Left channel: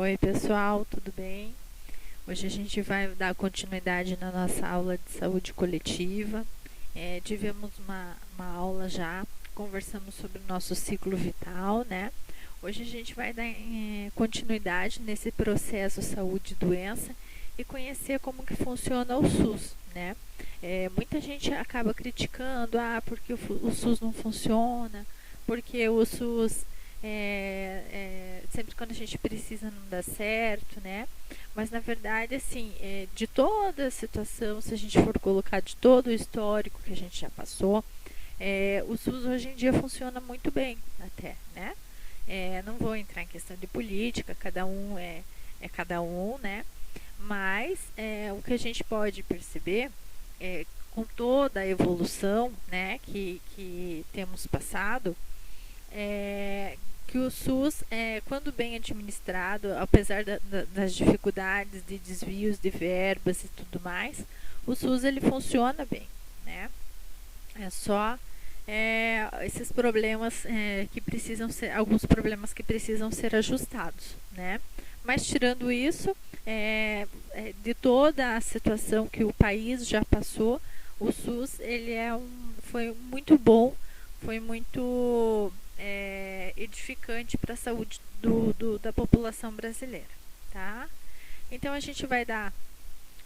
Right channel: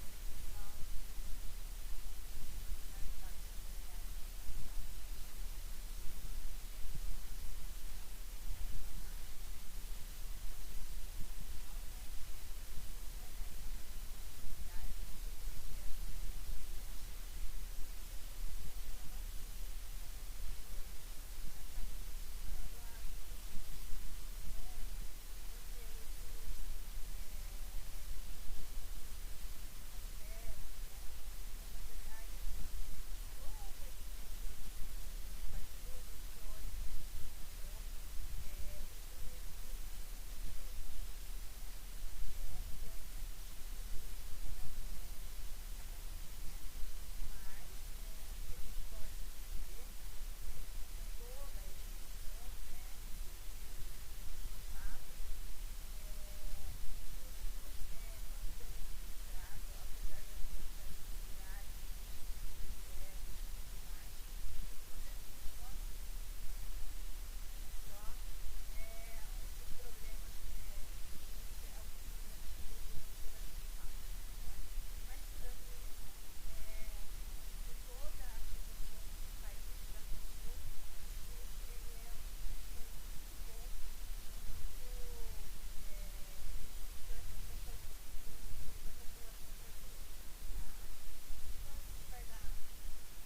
Oi pessoal, tudo bem? Hoje a gente vai dar continuidade na nossa aula de saúde coletiva. Tivemos uma aula já, conversamos sobre o nosso ciclo vital, né? Hoje a gente vai dar continuidade nesse processo saúde e doença e conhecer como que funciona o SUS, né? Muita gente acaba criticando, porque o SUS não funciona, porque o SUS sempre quando a gente precisa não dá certo, né? Mas na verdade, assim, de toda a situação, se a gente for colocar de todo o histórico que a gente já passou, o SUS hoje em dia funciona muito bem, até, né? Não vou entrar em questão de política, cada um é cada um, né? Mas o que a gente pode perceber com toda a evolução, né, que temos passado, que o SUS, quando bem administrado, apesar das dificuldades de desvios de verbas e tudo mais, o SUS ele funciona bem, né? É só esses problemas que precisam ser, alguns problemas que precisam ser ajustados, né? Mas tirando isso, de toda a situação que o país já passou, o SUS ele foi muito bom, foi muito edificante para a saúde da população brasileira, tá? Então a gente vai dar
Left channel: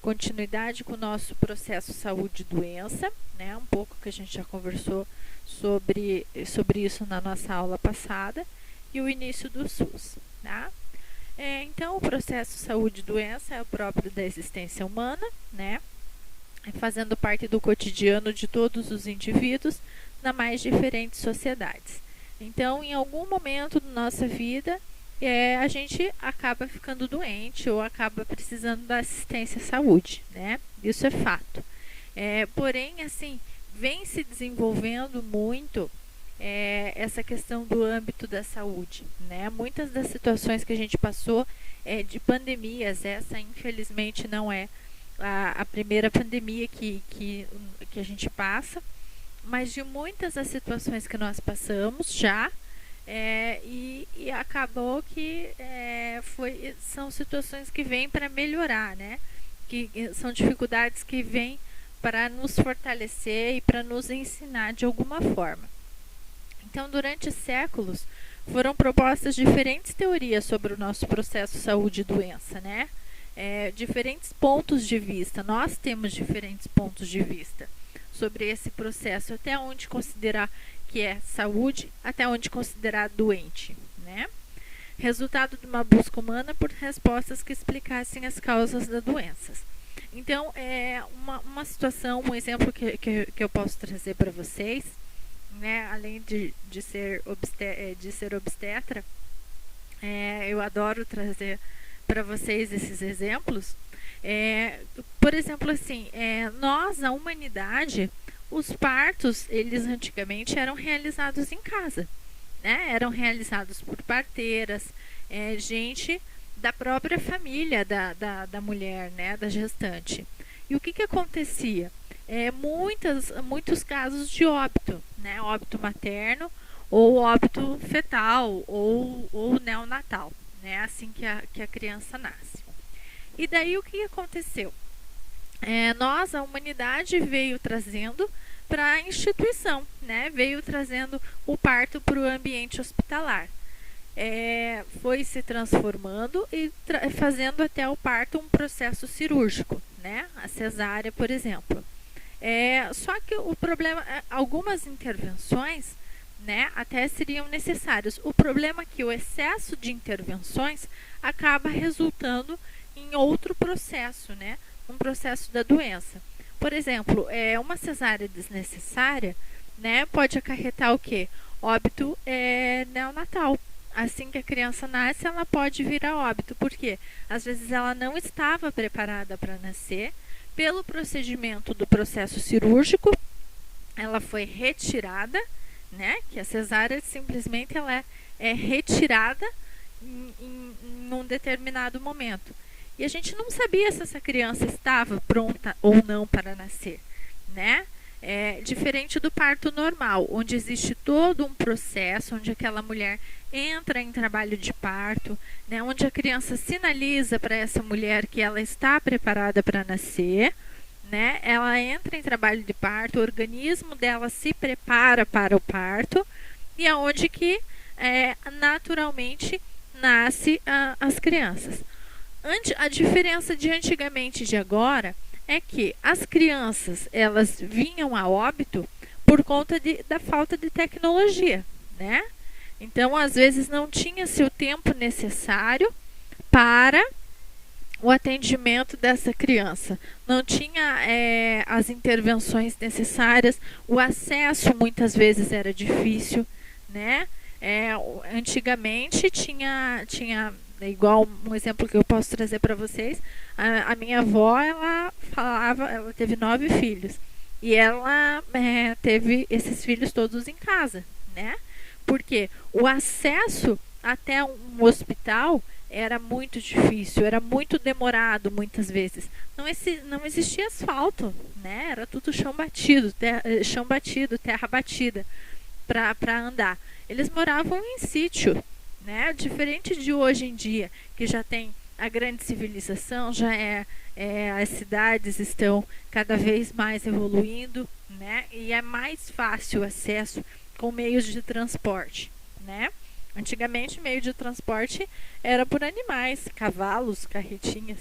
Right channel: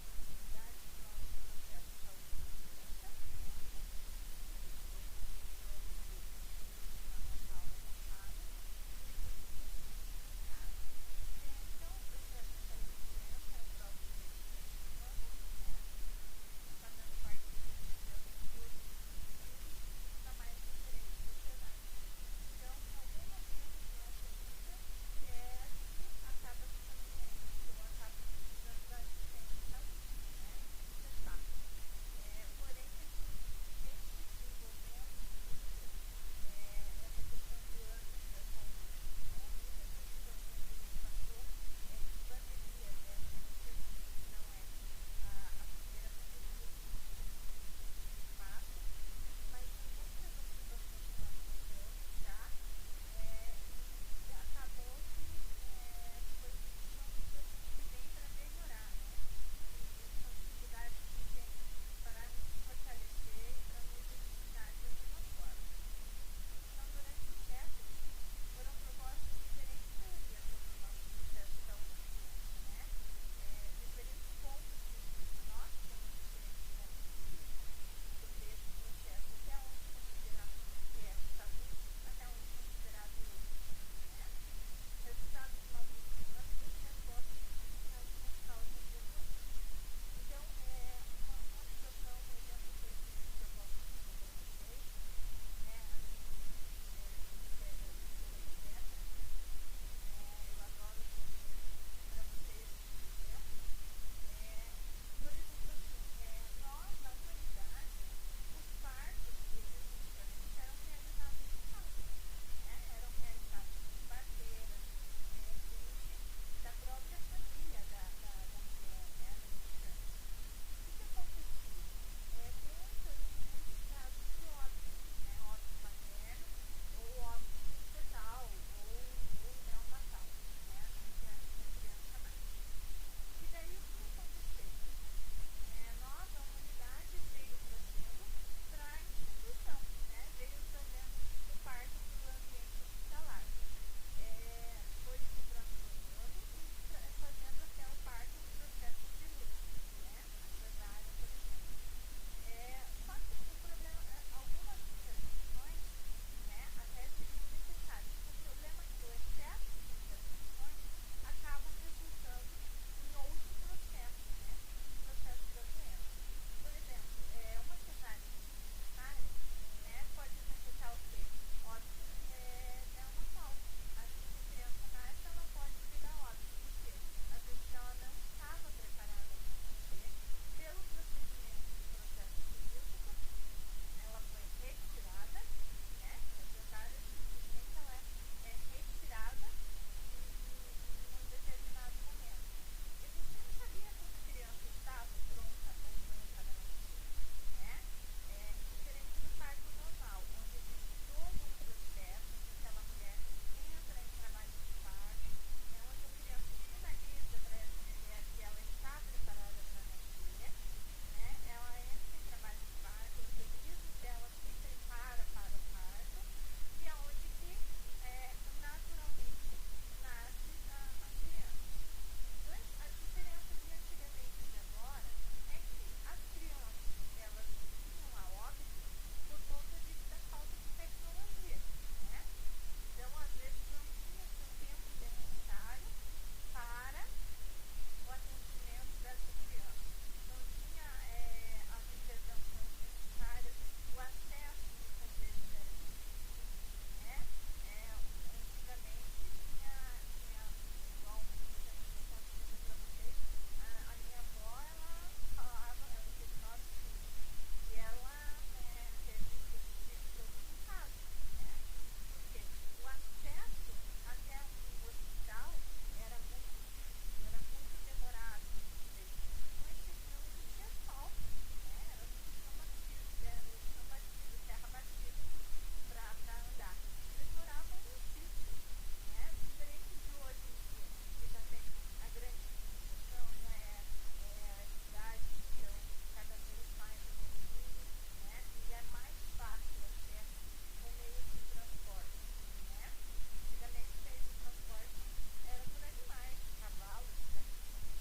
continuidade com o nosso processo saúde e doença, né? Um pouco que a gente já conversou sobre isso na nossa aula passada, e o início do SUS, tá? Então o processo saúde e doença é o próprio da existência humana, né? Fazendo parte do cotidiano de todos os indivíduos nas mais diferentes sociedades. Então, em algum momento da nossa vida, a gente acaba ficando doente ou acaba precisando da assistência à saúde, né? Isso é fato. Porém, assim, vem se desenvolvendo muito essa questão do âmbito da saúde, né? Muitas das situações que a gente passou de pandemias, essa infelizmente não é a primeira pandemia que a gente passa, mas de muitas das situações que nós passamos já, e acabou que são situações que vêm para melhorar, né? Que são dificuldades que vêm para nos fortalecer e para nos ensinar de alguma forma. Então, durante séculos, foram propostas diferentes teorias sobre o nosso processo saúde e doença, né? Diferentes pontos de vista, nós temos diferentes pontos de vista sobre esse processo, até onde considerar que é saúde, até onde considerar doente, né? Resultado de uma busca humana por respostas que explicassem as causas das doenças. Então, uma situação, um exemplo que eu posso trazer para vocês, né, além de ser obstetra, eu adoro trazer para vocês esses exemplos. Por exemplo, assim, nós, a humanidade, os partos, eles antigamente eram realizados em casa, né? Eram realizados por parteiras, gente da própria família da mulher, né? Da gestante. E o que acontecia? Muitos casos de óbito, né? Óbito materno ou óbito fetal ou neonatal, né? Assim que a criança nasce. E daí o que aconteceu? Nós, a humanidade, veio trazendo para a instituição, né? Veio trazendo o parto para o ambiente hospitalar. Foi se transformando e fazendo até o parto um processo cirúrgico, né? A cesárea, por exemplo. Só que o problema, algumas intervenções, né, até seriam necessárias. O problema é que o excesso de intervenções acaba resultando em outro processo, né? Um processo da doença. Por exemplo, uma cesárea desnecessária, né, pode acarretar o quê? Óbito neonatal. Assim que a criança nasce, ela pode vir a óbito. Por quê? Às vezes ela não estava preparada para nascer. Pelo procedimento do processo cirúrgico, ela foi retirada, né? Que a cesárea simplesmente ela é retirada em um determinado momento. E a gente não sabia se essa criança estava pronta ou não para nascer, né? Diferente do parto normal, onde existe todo um processo, onde aquela mulher entra em trabalho de parto, né, onde a criança sinaliza para essa mulher que ela está preparada para nascer, né, ela entra em trabalho de parto, o organismo dela se prepara para o parto e é onde que naturalmente nasce as crianças. A diferença de antigamente e de agora é que as crianças elas vinham a óbito por conta da falta de tecnologia, né? Então, às vezes, não tinha-se o tempo necessário para o atendimento dessa criança. Não tinha as intervenções necessárias, o acesso muitas vezes era difícil, né? Antigamente tinha igual um exemplo que eu posso trazer para vocês, a minha avó, ela teve 9 filhos e ela teve esses filhos todos em casa, né? Porque o acesso até um hospital era muito difícil, era muito demorado muitas vezes. Não existia asfalto, né? Era tudo chão batido, terra batida para andar. Eles moravam em sítio, né? Diferente de hoje em dia, que já tem a grande civilização, as cidades estão cada vez mais evoluindo, né? E é mais fácil o acesso com meios de transporte, né? Antigamente, meio de transporte era por animais, cavalos, carretinhas,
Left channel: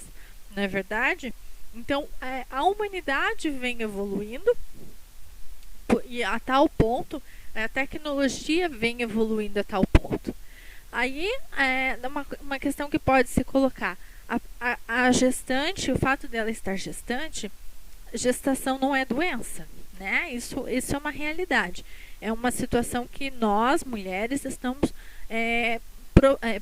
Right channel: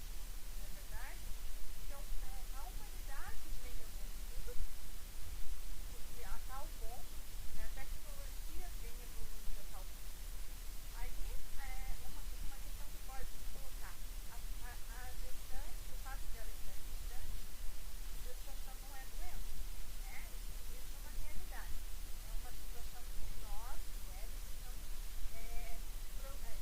não é verdade? Então, a humanidade vem evoluindo e a tal ponto, a tecnologia vem evoluindo a tal ponto. Aí, uma questão que pode se colocar, a gestante, o fato dela estar gestante, gestação não é doença, né? Isso é uma realidade. É uma situação que nós, mulheres, estamos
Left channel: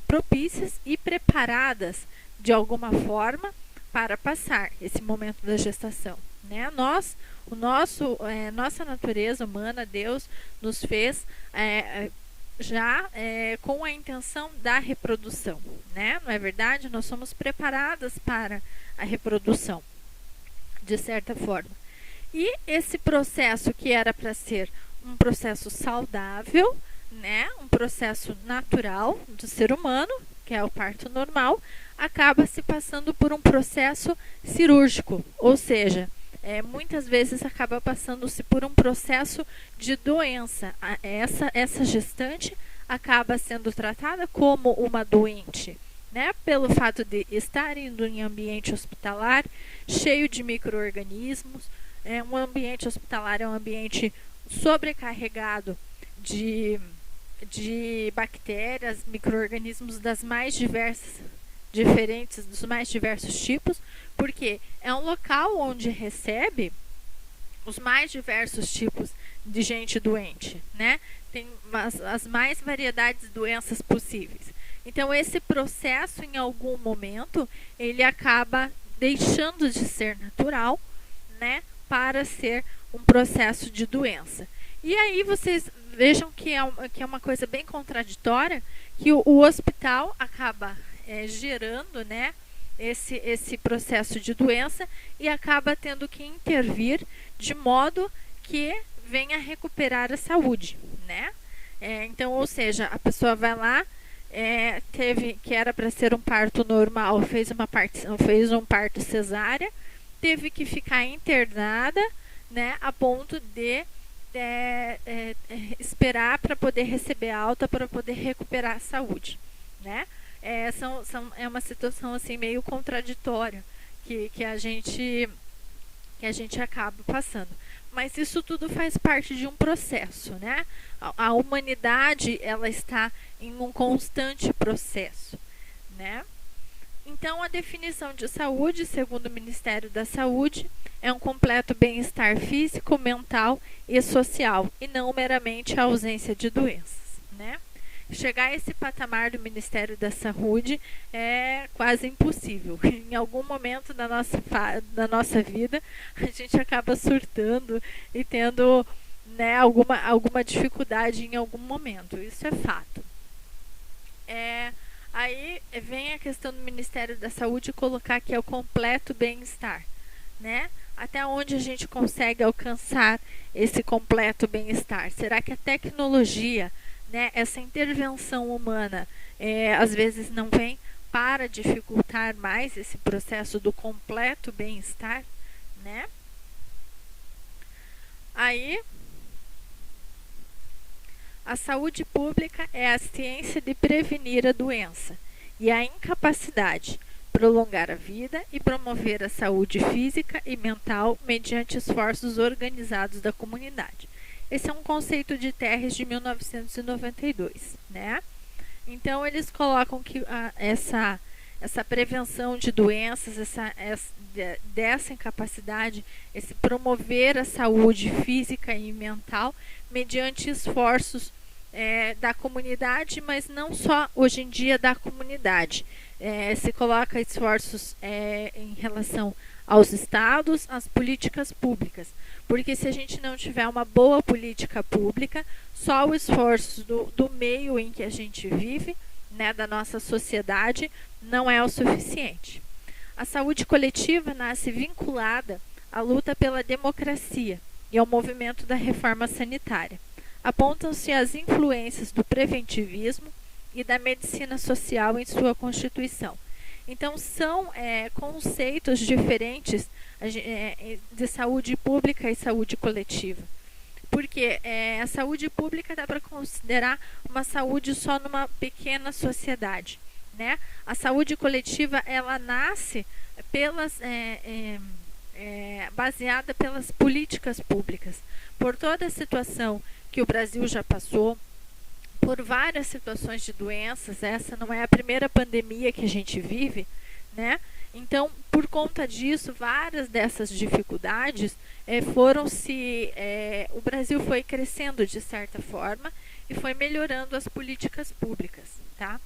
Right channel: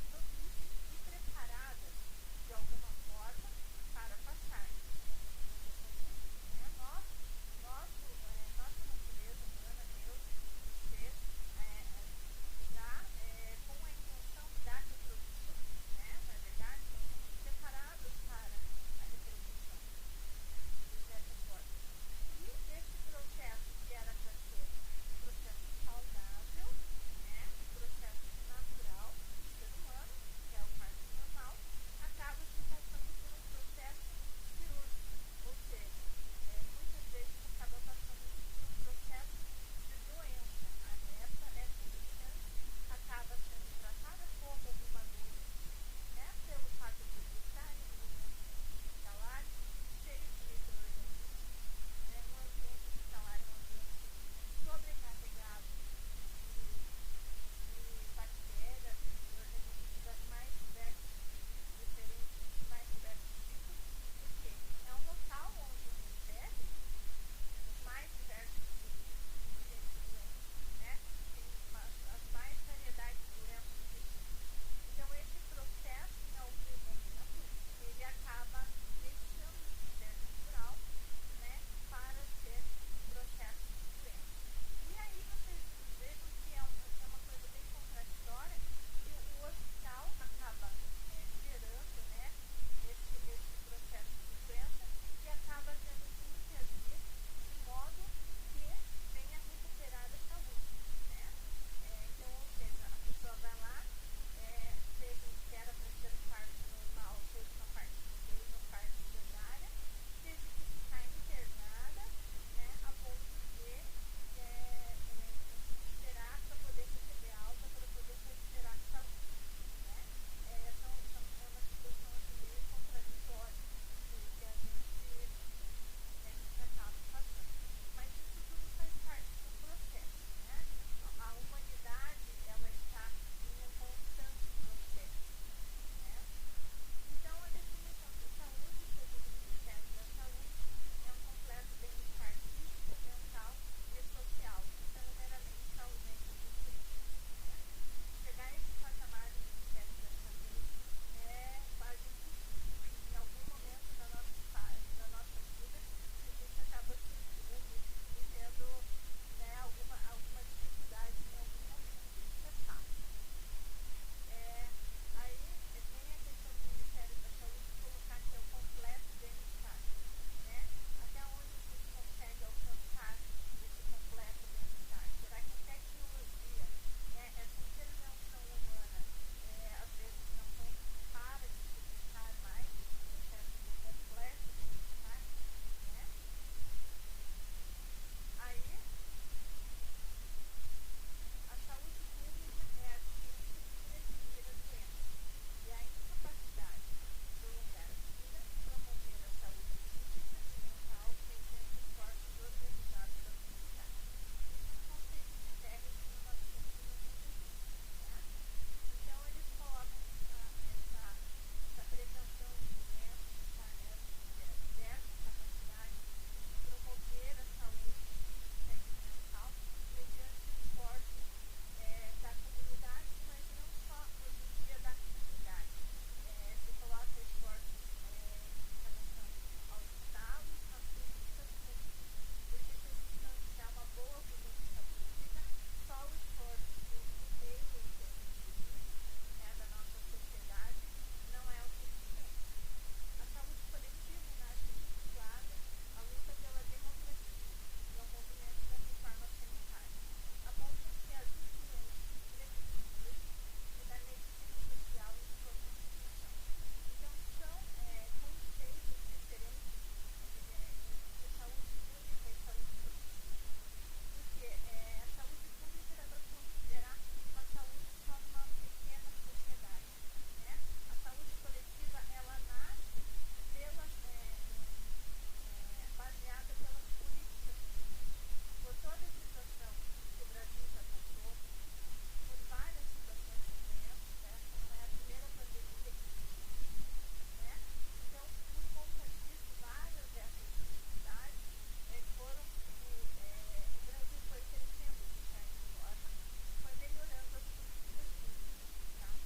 propícias e preparadas de alguma forma para passar esse momento da gestação, né? Nossa natureza humana, Deus nos fez já com a intenção da reprodução, né? Não é verdade? Nós somos preparadas para a reprodução, de certa forma. E esse processo que era para ser um processo saudável, né? Um processo natural do ser humano, que é o parto normal, acaba se passando por um processo cirúrgico, ou seja, muitas vezes acaba passando-se por um processo de doença. Essa gestante acaba sendo tratada como uma doente, né? Pelo fato de estar indo em ambiente hospitalar, cheio de micro-organismos. Um ambiente hospitalar é um ambiente sobrecarregado de bactérias, micro-organismos das mais diferentes, dos mais diversos tipos, porque é um local onde recebe os mais diversos tipos de gente doente, né? Tem as mais variedades de doenças possíveis. Então, esse processo, em algum momento, ele acaba deixando de ser natural, né? Para ser um processo de doença. E aí vocês vejam que é uma coisa bem contraditória, que o hospital acaba gerando, né, esse processo de doença e acaba tendo que intervir de modo que venha recuperar a saúde, né? Então, ou seja, a pessoa vai lá, teve que era para ser um parto normal, fez um parto cesárea, teve que ficar internada, né, a ponto de esperar para poder receber alta, para poder recuperar a saúde, né? É uma situação assim meio contraditória que a gente acaba passando. Mas isso tudo faz parte de um processo, né? A humanidade, ela está em um constante processo, né? Então, a definição de saúde, segundo o Ministério da Saúde, é um completo bem-estar físico, mental e social, e não meramente a ausência de doenças, né? Chegar a esse patamar do Ministério da Saúde é quase impossível. Em algum momento da nossa vida, a gente acaba surtando e tendo, né, alguma dificuldade em algum momento. Isso é fato. Aí vem a questão do Ministério da Saúde colocar que é o completo bem-estar, né? Até onde a gente consegue alcançar esse completo bem-estar? Será que a tecnologia, né, essa intervenção humana às vezes não vem para dificultar mais esse processo do completo bem-estar, né? Aí, a saúde pública é a ciência de prevenir a doença e a incapacidade, prolongar a vida e promover a saúde física e mental mediante esforços organizados da comunidade. Esse é um conceito de Terres de 1992, né? Então, eles colocam que essa prevenção de doenças, dessa incapacidade, esse promover a saúde física e mental mediante esforços da comunidade, mas não só hoje em dia da comunidade. Se coloca esforços em relação aos estados, às políticas públicas. Porque se a gente não tiver uma boa política pública, só o esforço do meio em que a gente vive, né, da nossa sociedade, não é o suficiente. A saúde coletiva nasce vinculada à luta pela democracia e ao movimento da reforma sanitária. Apontam-se as influências do preventivismo e da medicina social em sua constituição. Então, são conceitos diferentes de saúde pública e saúde coletiva. Porque a saúde pública dá para considerar uma saúde só numa pequena sociedade, né? A saúde coletiva, ela nasce baseada pelas políticas públicas, por toda a situação que o Brasil já passou, por várias situações de doenças. Essa não é a primeira pandemia que a gente vive, né? Então, por conta disso, várias dessas dificuldades o Brasil foi crescendo de certa forma e foi melhorando as políticas públicas, tá?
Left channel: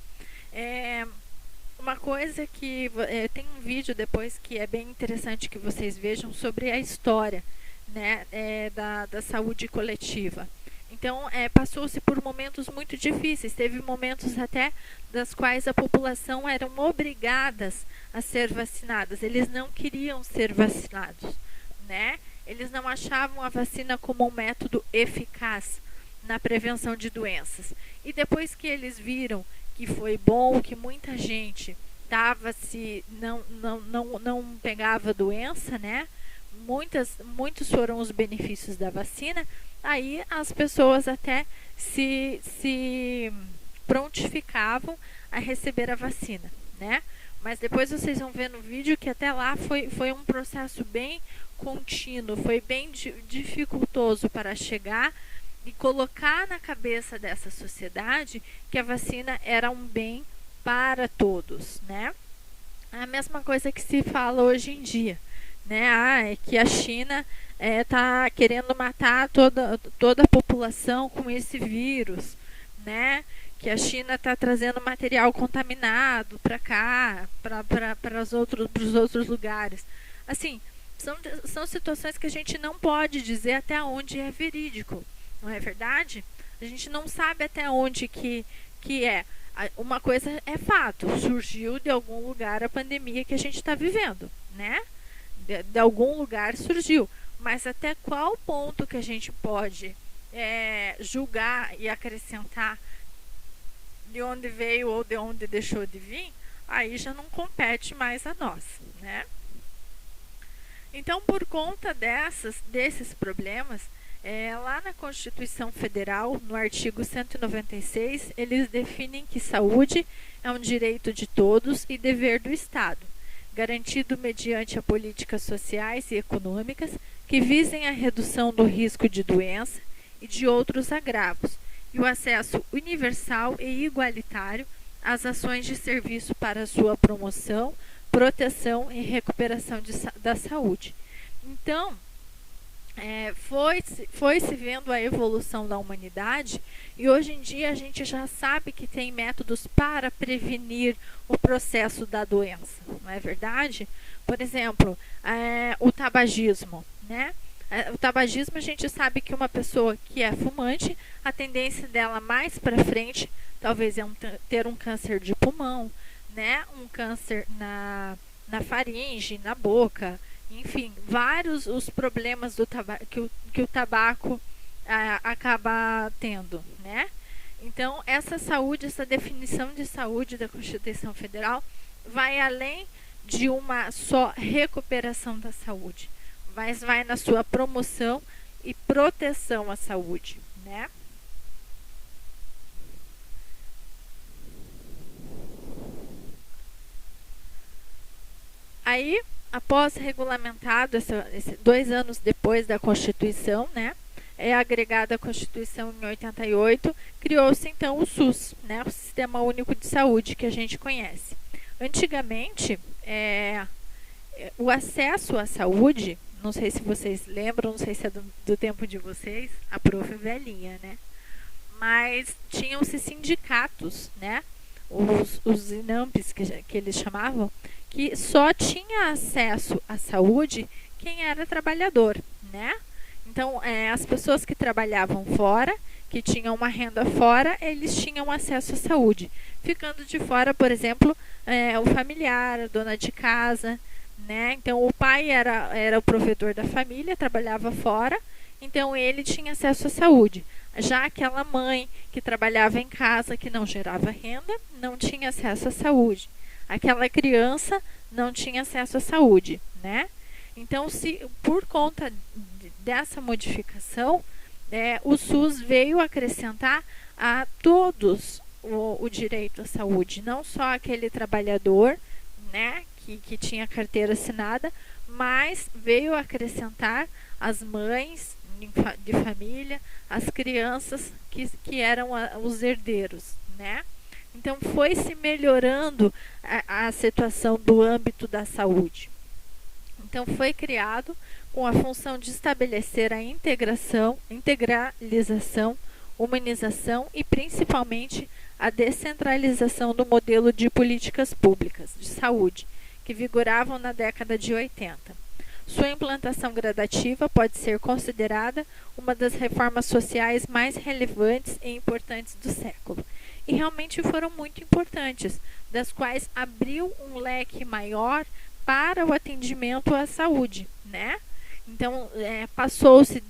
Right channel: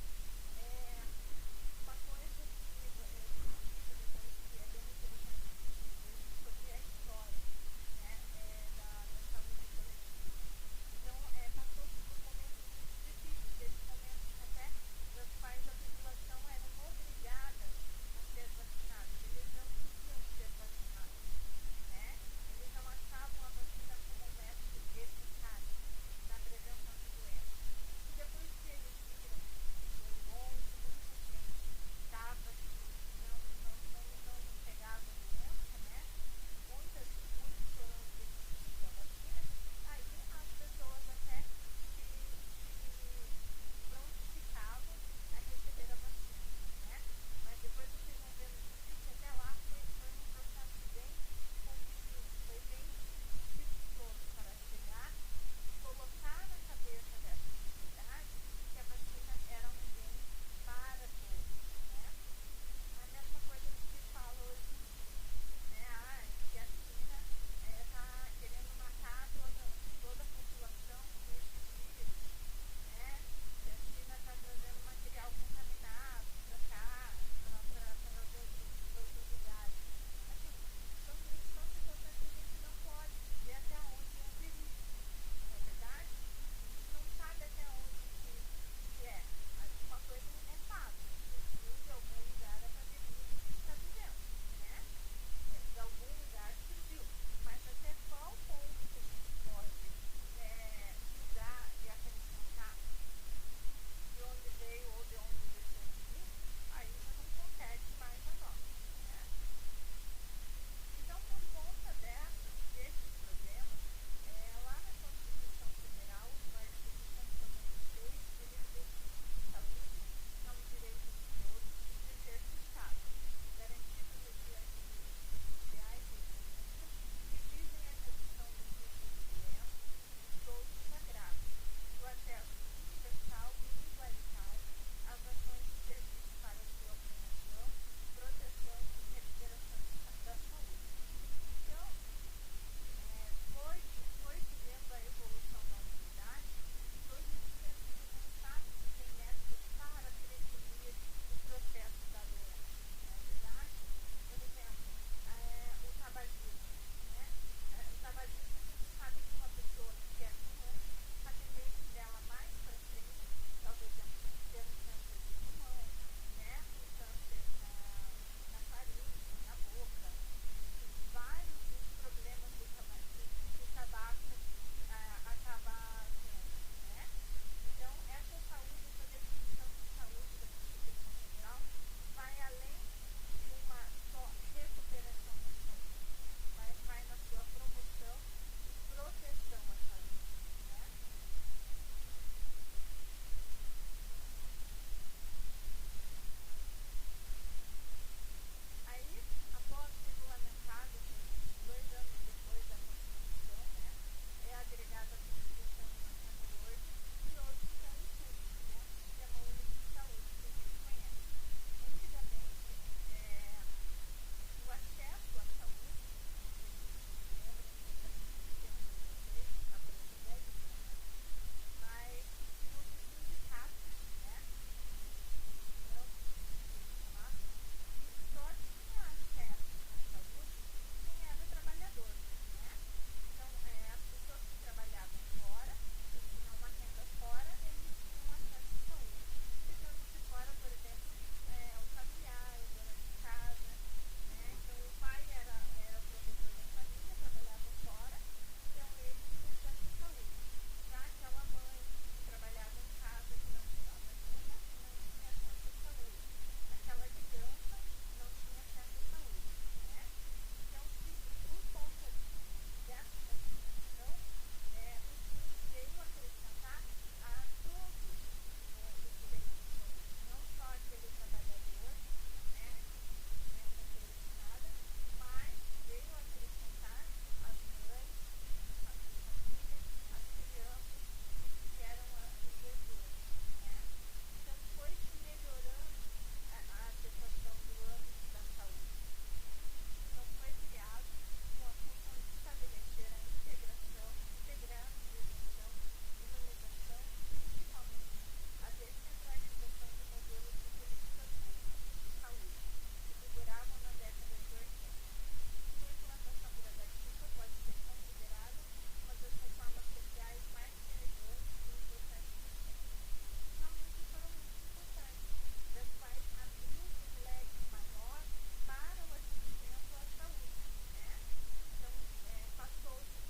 Uma coisa que tem um vídeo depois que é bem interessante que vocês vejam sobre a história, né, da saúde coletiva. Então, passou-se por momentos muito difíceis, teve momentos até das quais a população eram obrigadas a ser vacinadas. Eles não queriam ser vacinados, né? Eles não achavam a vacina como um método eficaz na prevenção de doenças. E depois que eles viram que foi bom, que muita gente não pegava doença, né? Muitos foram os benefícios da vacina. Aí as pessoas até se prontificavam a receber a vacina, né? Mas depois vocês vão ver no vídeo que até lá foi um processo bem contínuo, foi bem dificultoso para chegar e colocar na cabeça dessa sociedade que a vacina era um bem para todos, né? A mesma coisa que se fala hoje em dia, né? É que a China está querendo matar toda a população com esse vírus, né? Que a China está trazendo material contaminado para cá, para os outros lugares. Assim, são situações que a gente não pode dizer até onde é verídico, não é verdade? A gente não sabe até onde que é. Uma coisa é fato, surgiu de algum lugar a pandemia que a gente está vivendo, né? De algum lugar surgiu, mas até qual ponto que a gente pode julgar e acrescentar de onde veio ou de onde deixou de vir, aí já não compete mais a nós, né? Então, por conta desses problemas, lá na Constituição Federal, no artigo 196, eles definem que saúde é um direito de todos e dever do Estado, garantido mediante a políticas sociais e econômicas que visem a redução do risco de doença e de outros agravos, e o acesso universal e igualitário às ações de serviço para sua promoção, proteção e recuperação da saúde. Então, foi-se vendo a evolução da humanidade e hoje em dia a gente já sabe que tem métodos para prevenir o processo da doença, não é verdade? Por exemplo, o tabagismo, né? O tabagismo, a gente sabe que uma pessoa que é fumante, a tendência dela mais para frente talvez ter um câncer de pulmão, né? Um câncer na faringe, na boca, enfim, vários os problemas que o tabaco acaba tendo, né? Então, essa saúde, essa definição de saúde da Constituição Federal vai além de uma só recuperação da saúde, mas vai na sua promoção e proteção à saúde, né? Aí, após regulamentado, 2 anos depois da Constituição, né, é agregada à Constituição em 88, criou-se então o SUS, né, o Sistema Único de Saúde, que a gente conhece. Antigamente, o acesso à saúde, não sei se vocês lembram, não sei se é do tempo de vocês, a prof. Velhinha, né? Mas tinham-se sindicatos, né? Os INAMPs, que eles chamavam, que só tinha acesso à saúde quem era trabalhador, né? Então, as pessoas que trabalhavam fora, que tinham uma renda fora, eles tinham acesso à saúde. Ficando de fora, por exemplo, o familiar, a dona de casa, né? Então, o pai era o provedor da família, trabalhava fora, então ele tinha acesso à saúde. Já aquela mãe que trabalhava em casa, que não gerava renda, não tinha acesso à saúde. Aquela criança não tinha acesso à saúde, né? Então, por conta dessa modificação, o SUS veio acrescentar a todos o direito à saúde, não só aquele trabalhador, né, que tinha carteira assinada, mas veio acrescentar as mães de família, as crianças que eram os herdeiros, né? Então, foi se melhorando a situação do âmbito da saúde. Então, foi criado com a função de estabelecer a integralização, humanização e, principalmente, a descentralização do modelo de políticas públicas de saúde, que vigoravam na década de 80. Sua implantação gradativa pode ser considerada uma das reformas sociais mais relevantes e importantes do século. E realmente foram muito importantes, das quais abriu um leque maior para o atendimento à saúde, né? Então, passou-se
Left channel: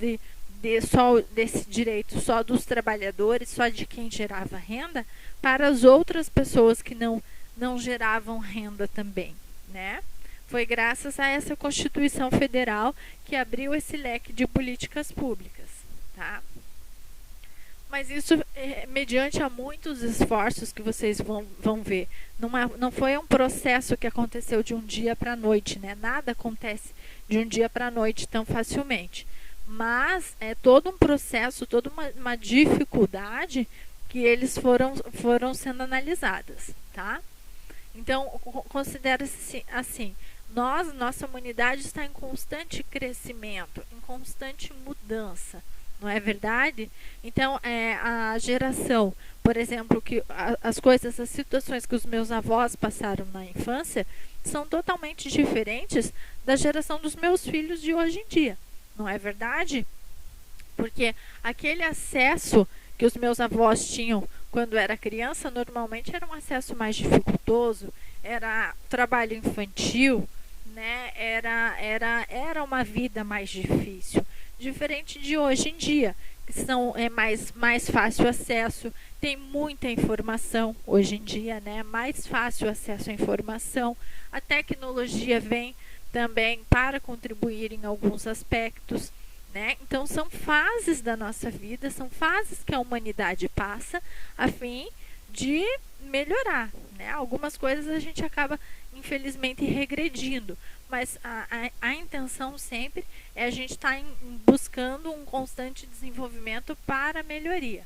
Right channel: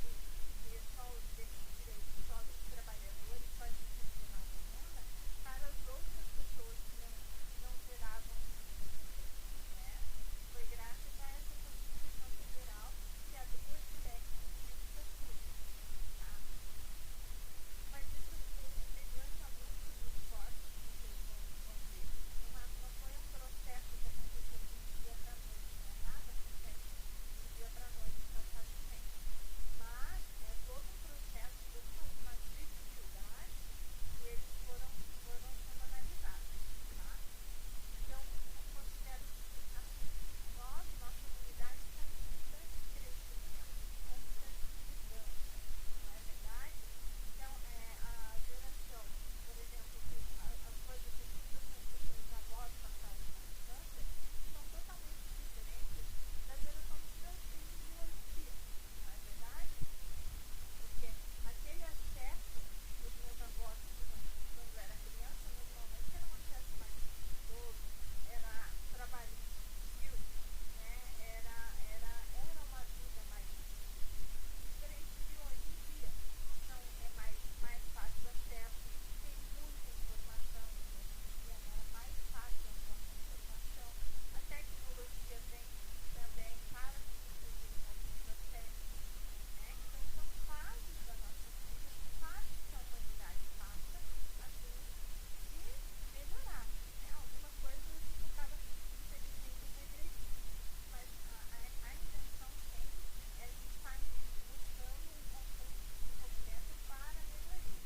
desse direito só dos trabalhadores, só de quem gerava renda, para as outras pessoas que não geravam renda também, né? Foi graças a essa Constituição Federal que abriu esse leque de políticas públicas, tá? Mas isso mediante a muitos esforços que vocês vão ver. Não foi um processo que aconteceu de um dia para a noite, né? Nada acontece de um dia para a noite tão facilmente. Mas é todo um processo, toda uma dificuldade que eles foram sendo analisadas, tá? Então, considera-se assim, nossa humanidade está em constante crescimento, em constante mudança, não é verdade? Então, a geração, por exemplo, que as situações que os meus avós passaram na infância são totalmente diferentes da geração dos meus filhos de hoje em dia, não é verdade? Porque aquele acesso que os meus avós tinham quando era criança, normalmente era um acesso mais dificultoso, era trabalho infantil, né? Era uma vida mais difícil, diferente de hoje em dia, que mais fácil acesso, tem muita informação hoje em dia, né? Mais fácil acesso à informação, a tecnologia vem também para contribuir em alguns aspectos, né? Então, são fases da nossa vida, são fases que a humanidade passa a fim de melhorar, né? Algumas coisas a gente acaba, infelizmente, regredindo, mas a intenção sempre é a gente estar buscando um constante desenvolvimento para a melhoria.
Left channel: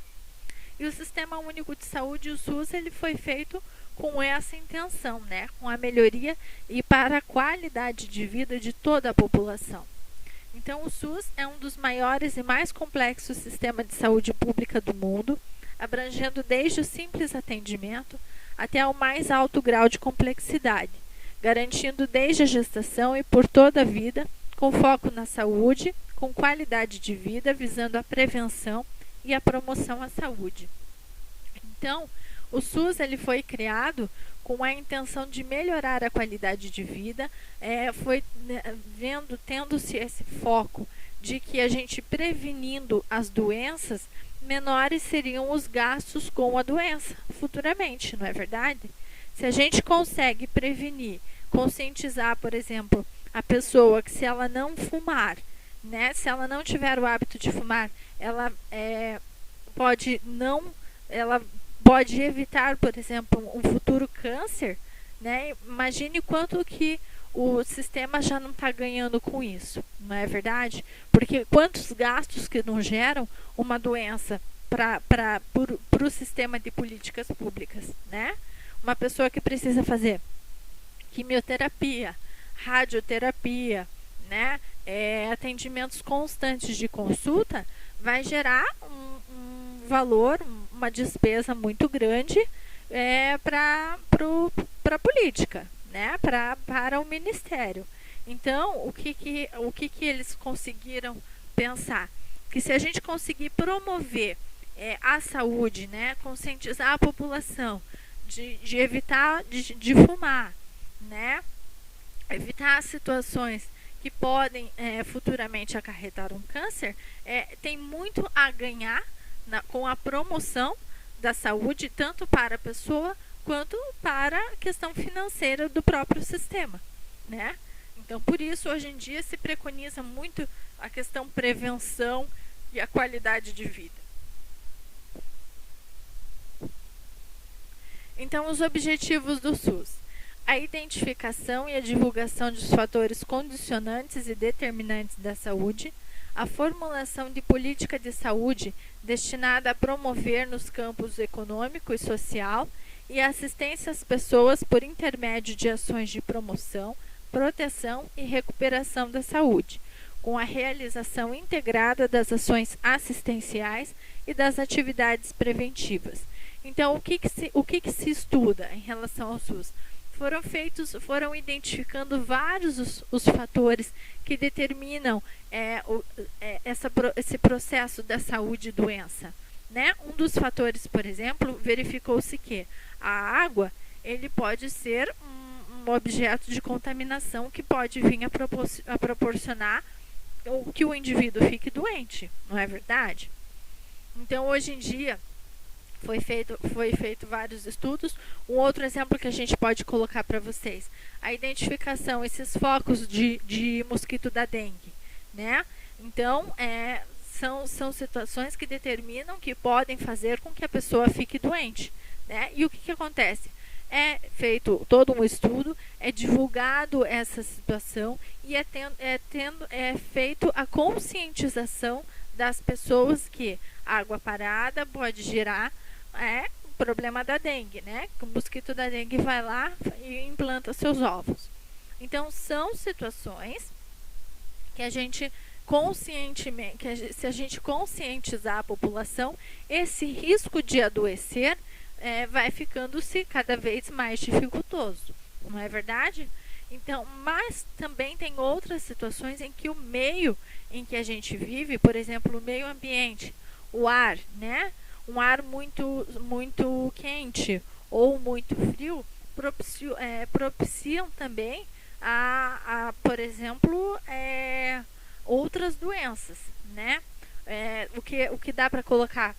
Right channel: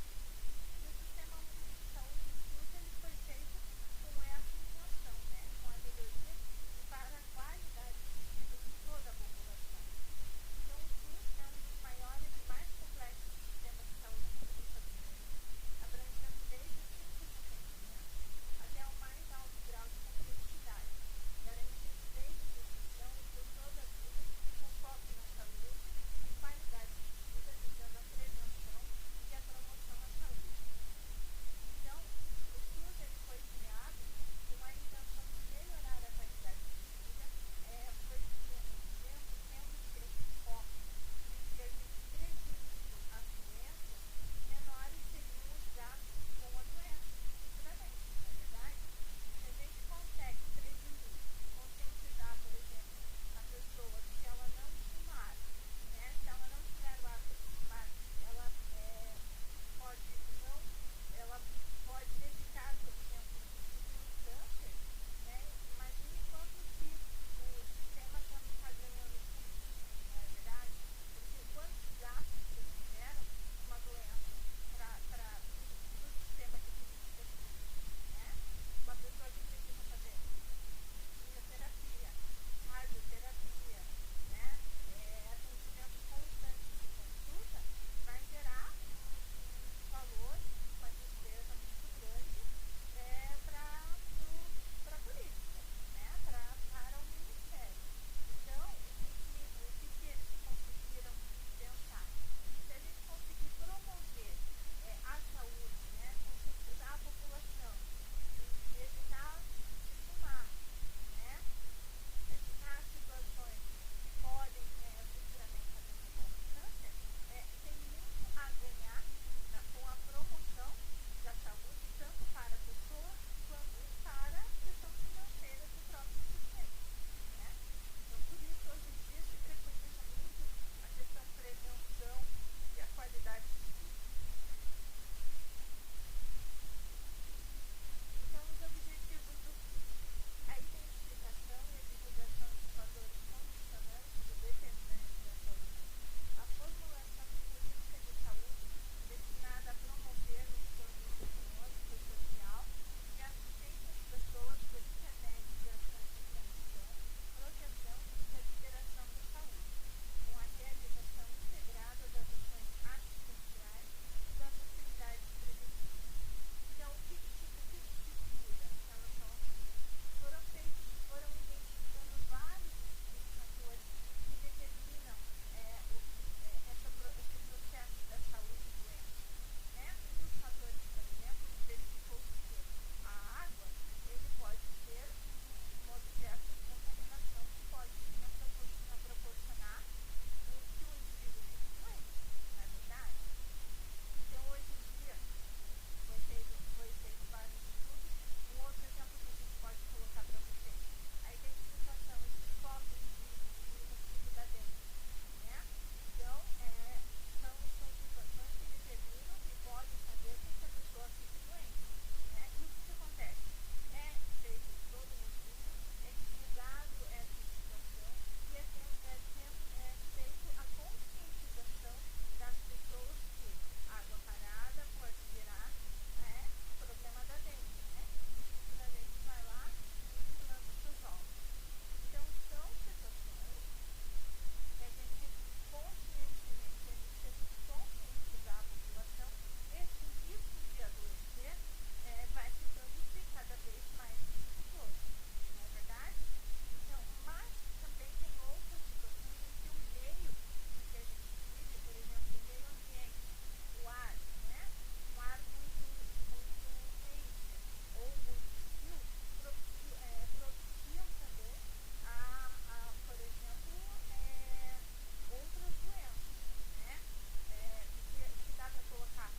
E o Sistema Único de Saúde, o SUS, ele foi feito com essa intenção, né? Com a melhoria e para a qualidade de vida de toda a população. Então, o SUS é um dos maiores e mais complexos sistemas de saúde pública do mundo, abrangendo desde o simples atendimento até ao mais alto grau de complexidade, garantindo desde a gestação e por toda a vida, com foco na saúde, com qualidade de vida, visando a prevenção e a promoção à saúde. Então, o SUS ele foi criado com a intenção de melhorar a qualidade de vida, tendo-se esse foco de que a gente prevenindo as doenças, menores seriam os gastos com a doença futuramente, não é verdade? Se a gente consegue prevenir, conscientizar, por exemplo, a pessoa que se ela não fumar, né, se ela não tiver o hábito de fumar, ela pode não, ela pode evitar, por exemplo, um futuro câncer, né? Imagine quanto que o sistema já não está ganhando com isso, não é verdade? Porque quantos gastos que não geram uma doença para o sistema de políticas públicas, né? Uma pessoa que precisa fazer quimioterapia, radioterapia, né? Atendimentos constantes de consulta, vai gerar um valor, uma despesa muito grande para a política, né? Para o ministério. Então, o que eles conseguiram pensar? Que se a gente conseguir promover a saúde, né? Conscientizar a população de evitar de fumar, né? Evitar situações que podem futuramente acarretar um câncer, tem muito a ganhar com a promoção da saúde, tanto para a pessoa quanto para a questão financeira do próprio sistema, né? Então, por isso, hoje em dia se preconiza muito a questão prevenção e a qualidade de vida. Então, os objetivos do SUS: a identificação e a divulgação dos fatores condicionantes e determinantes da saúde, a formulação de política de saúde destinada a promover nos campos econômico e social e a assistência às pessoas por intermédio de ações de promoção, proteção e recuperação da saúde, com a realização integrada das ações assistenciais e das atividades preventivas. Então, o que se estuda em relação ao SUS? Foram identificando vários os fatores que determinam esse processo da saúde e doença, né? Um dos fatores, por exemplo, verificou-se que a água ele pode ser um objeto de contaminação que pode vir a proporcionar que o indivíduo fique doente, não é verdade? Então, hoje em dia, foi feito vários estudos. Um outro exemplo que a gente pode colocar para vocês: a identificação, esses focos de mosquito da dengue, né? Então, são situações que determinam que podem fazer com que a pessoa fique doente, né? E o que acontece? É feito todo um estudo, é divulgado essa situação e é feito a conscientização das pessoas que água parada pode gerar o problema da dengue, né? O mosquito da dengue vai lá e implanta seus ovos. Então, são situações que a gente conscientemente, se a gente conscientizar a população, esse risco de adoecer vai ficando-se cada vez mais dificultoso, não é verdade? Então, mas também tem outras situações em que o meio em que a gente vive, por exemplo, o meio ambiente, o ar, né? Um ar muito quente ou muito frio propiciam também por exemplo, outras doenças, né? O que dá para colocar,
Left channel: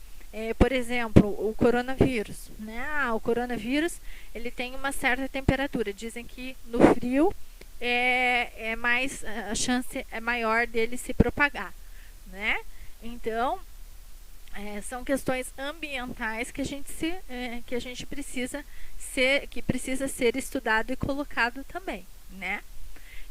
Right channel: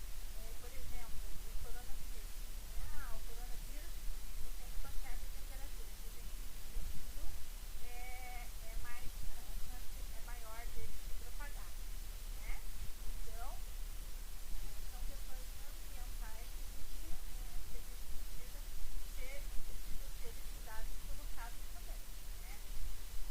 por exemplo, o coronavírus, né? O coronavírus ele tem uma certa temperatura. Dizem que no frio a chance é maior dele se propagar, né? Então, são questões ambientais que a gente precisa ser estudado e colocado também, né?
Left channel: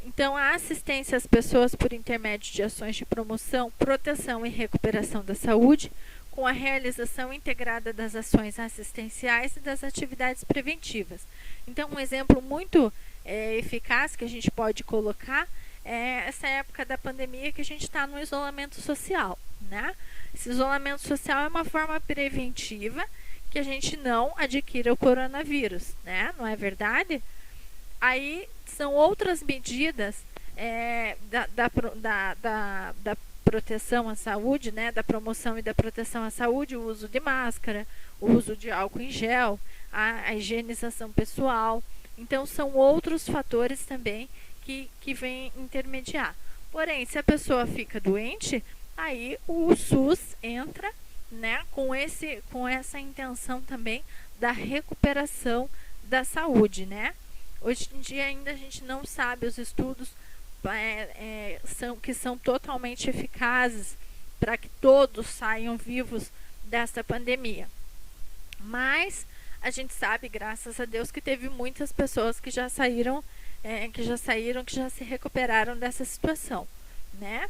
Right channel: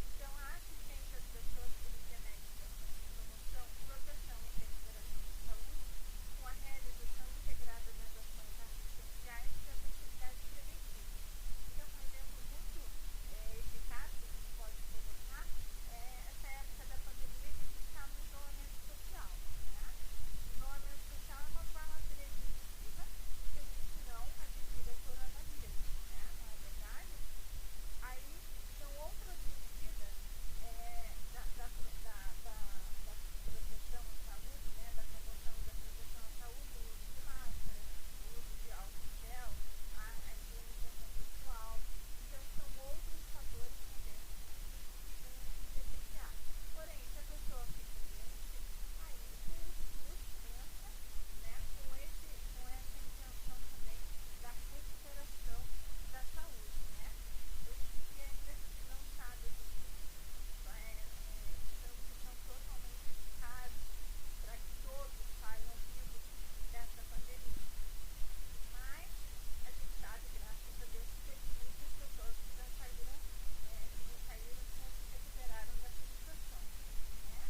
Então, a assistência às pessoas por intermédio de ações de promoção, proteção e recuperação da saúde, com a realização integrada das ações assistenciais e das atividades preventivas. Então, um exemplo muito eficaz que a gente pode colocar é essa época da pandemia que a gente está no isolamento social, né? Esse isolamento social é uma forma preventiva que a gente não adquira o coronavírus, né? Não é verdade? Aí são outras medidas da proteção à saúde, né? Da promoção e da proteção à saúde, o uso de máscara, o uso de álcool em gel, a higienização pessoal. Então, são outros fatores também que vêm intermediar. Porém, se a pessoa fica doente, aí o SUS entra né, com essa intenção também da recuperação da saúde, né? Hoje em dia ainda a gente não sabe os estudos que são totalmente eficazes para que todos saiam vivos dessa pandemia. Mas a gente sabe, graças a Deus, que teve muitas pessoas que já saíram, que já se recuperaram dessa situação, né?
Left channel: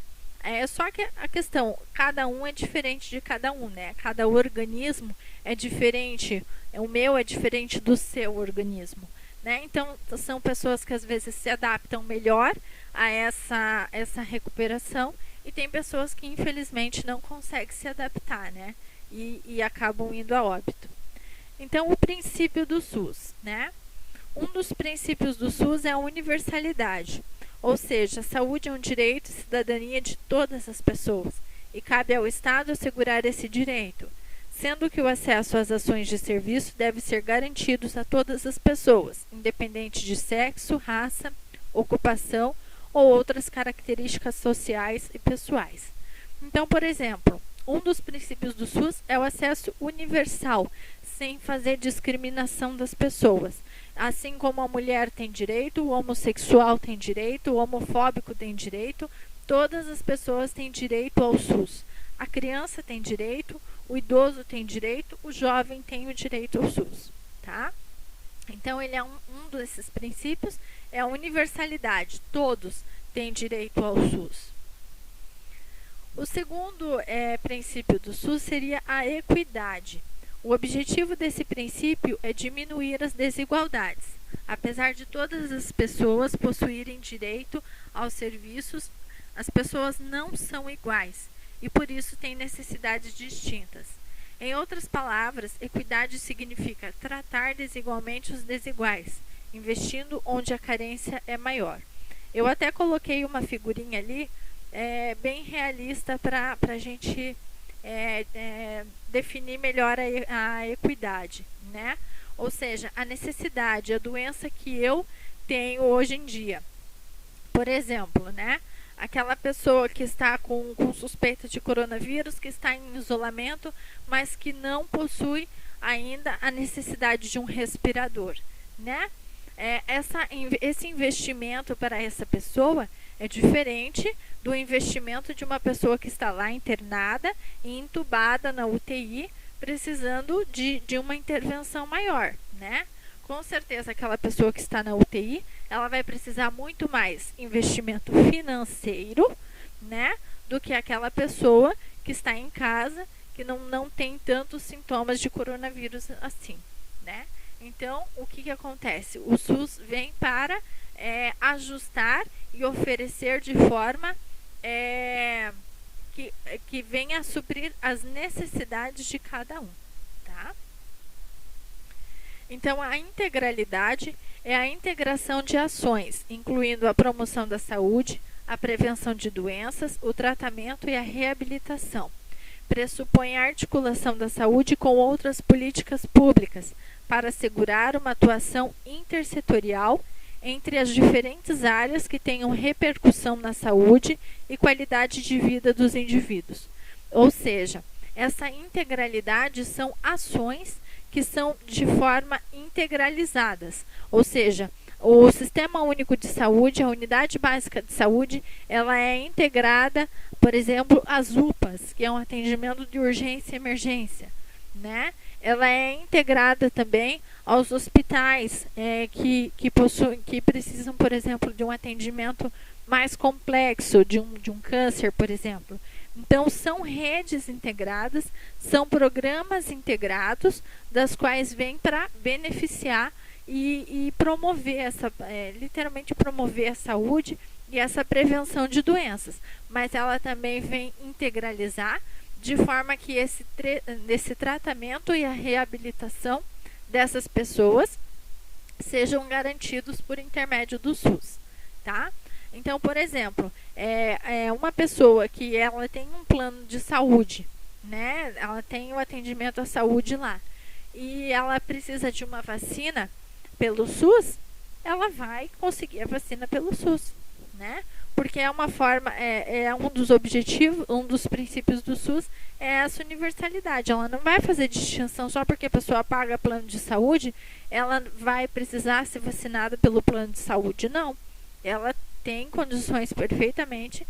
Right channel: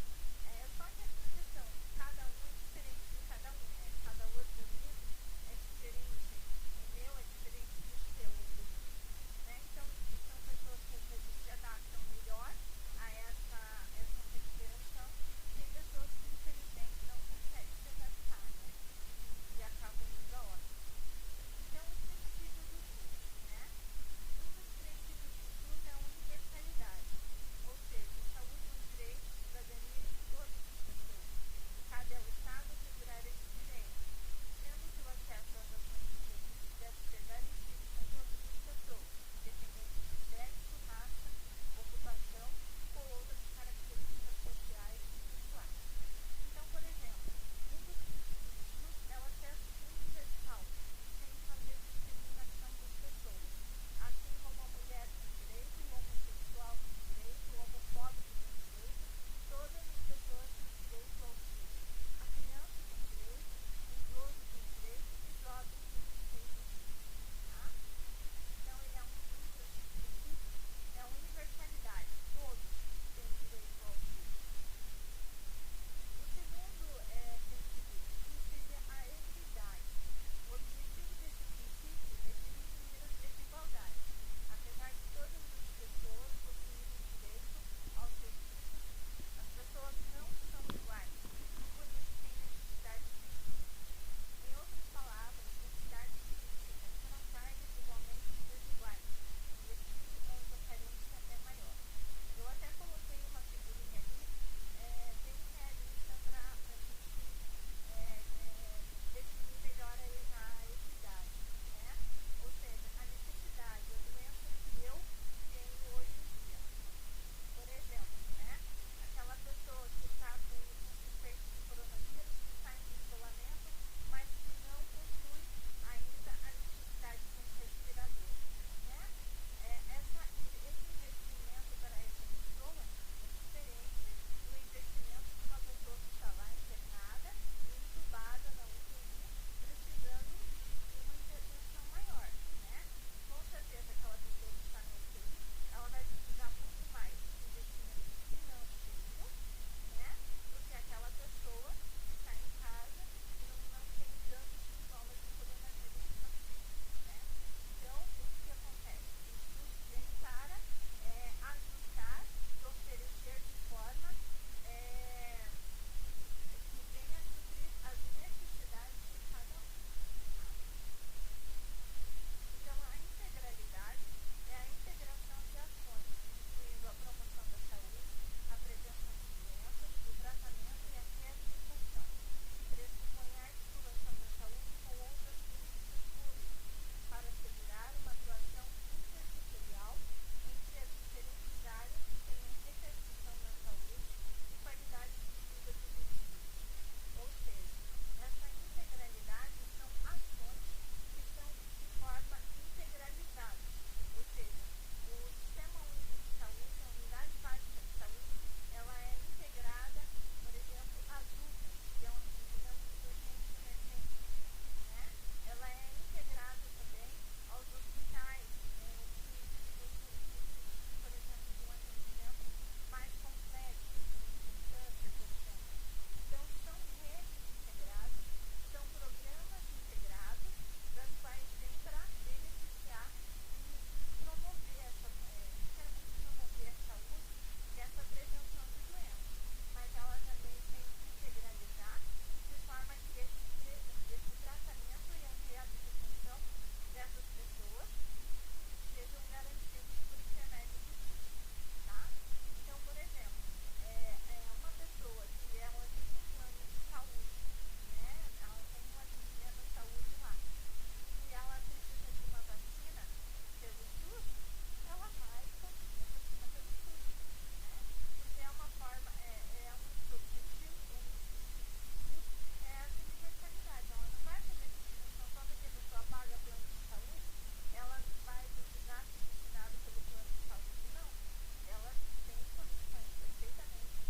Só que a questão, cada um é diferente de cada um, né? Cada organismo é diferente, o meu é diferente do seu organismo, né? Então, são pessoas que às vezes se adaptam melhor a essa recuperação e tem pessoas que infelizmente não conseguem se adaptar, né? E acabam indo a óbito. Então, o princípio do SUS, né? Um dos princípios do SUS é a universalidade, ou seja, a saúde é um direito e cidadania de todas as pessoas, e cabe ao Estado assegurar esse direito, sendo que o acesso às ações de serviço deve ser garantido a todas as pessoas, independente de sexo, raça, ocupação ou outras características sociais e pessoais. Então, por exemplo, um dos princípios do SUS é o acesso universal, sem fazer discriminação das pessoas. Assim como a mulher tem direito, o homossexual tem direito, o homofóbico tem direito, todas as pessoas têm direito ao SUS. A criança tem direito, o idoso tem direito, o jovem tem o direito ao SUS, tá? Então, ele é um desses princípios, é a universalidade, todos têm direito ao SUS. O segundo princípio do SUS seria a equidade. O objetivo desse princípio é diminuir as desigualdades. Apesar de todas as pessoas possuírem direito aos serviços, as pessoas não são iguais e por isso têm necessidades distintas. Em outras palavras, equidade significa tratar desigualmente os desiguais, investindo onde a carência é maior. Eu até coloquei uma figurinha ali, bem realista para a gente definir melhor a equidade, né? Ou seja, a necessidade, a doença que eu tenho hoje em dia. Por exemplo, né? Aquela pessoa que está com suspeita de coronavírus, que está em isolamento, mas que não possui ainda a necessidade de um respirador, né? Esse investimento para essa pessoa é diferente do investimento de uma pessoa que está lá internada e entubada na UTI, precisando de uma intervenção maior, né? Com certeza, aquela pessoa que está na UTI, ela vai precisar muito mais investimento financeiro, né? Do que aquela pessoa que está em casa, que não tem tantos sintomas de coronavírus assim, né? Então, o que acontece? O SUS vem para ajustar e oferecer de forma que venha a suprir as necessidades de cada um, tá? Então, a integralidade é a integração de ações, incluindo a promoção da saúde, a prevenção de doenças, o tratamento e a reabilitação. Pressupõe a articulação da saúde com outras políticas públicas para assegurar uma atuação intersetorial entre as diferentes áreas que tenham repercussão na saúde e qualidade de vida dos indivíduos. Ou seja, essa integralidade são ações que são de forma integralizadas, ou seja, o Sistema Único de Saúde, a Unidade Básica de Saúde, ela é integrada, por exemplo, às UPAs, que é um atendimento de urgência e emergência, né? Ela é integrada também aos hospitais que precisam, por exemplo, de um atendimento mais complexo, de um câncer, por exemplo. Então, são redes integradas, são programas integrados, das quais vêm para beneficiar e promover literalmente promover a saúde e essa prevenção de doenças. Mas ela também vem integralizar de forma que esse tratamento e a reabilitação dessas pessoas sejam garantidos por intermédio do SUS, tá? Então, por exemplo, uma pessoa que ela tem um plano de saúde, né? Ela tem o atendimento à saúde lá e ela precisa de uma vacina pelo SUS, ela vai conseguir a vacina pelo SUS, né? porque é uma forma, um dos objetivos, um dos princípios do SUS é essa universalidade. Ela não vai fazer distinção só porque a pessoa paga plano de saúde, ela vai precisar ser vacinada pelo plano de saúde. Não, ela tem condições perfeitamente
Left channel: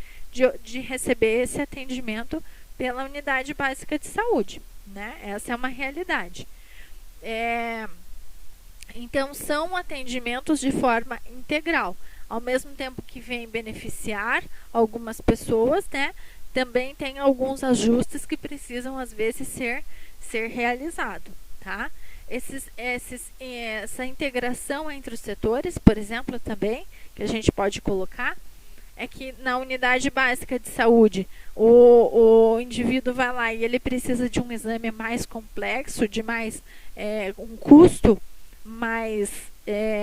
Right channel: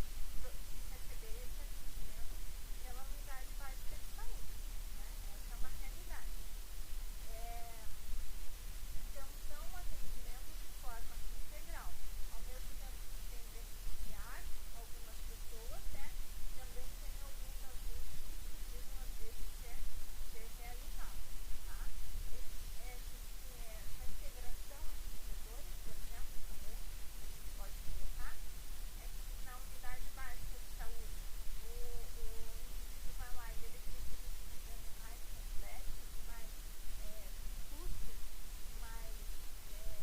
de receber esse atendimento pela unidade básica de saúde, né? Essa é uma realidade. Então, são atendimentos de forma integral. Ao mesmo tempo que vem beneficiar algumas pessoas, né, também tem alguns ajustes que precisam, às vezes, ser realizados. Tá? Essa integração entre os setores, por exemplo, também, que a gente pode colocar, é que na unidade básica de saúde, o indivíduo vai lá e ele precisa de um exame mais complexo, de mais um custo mais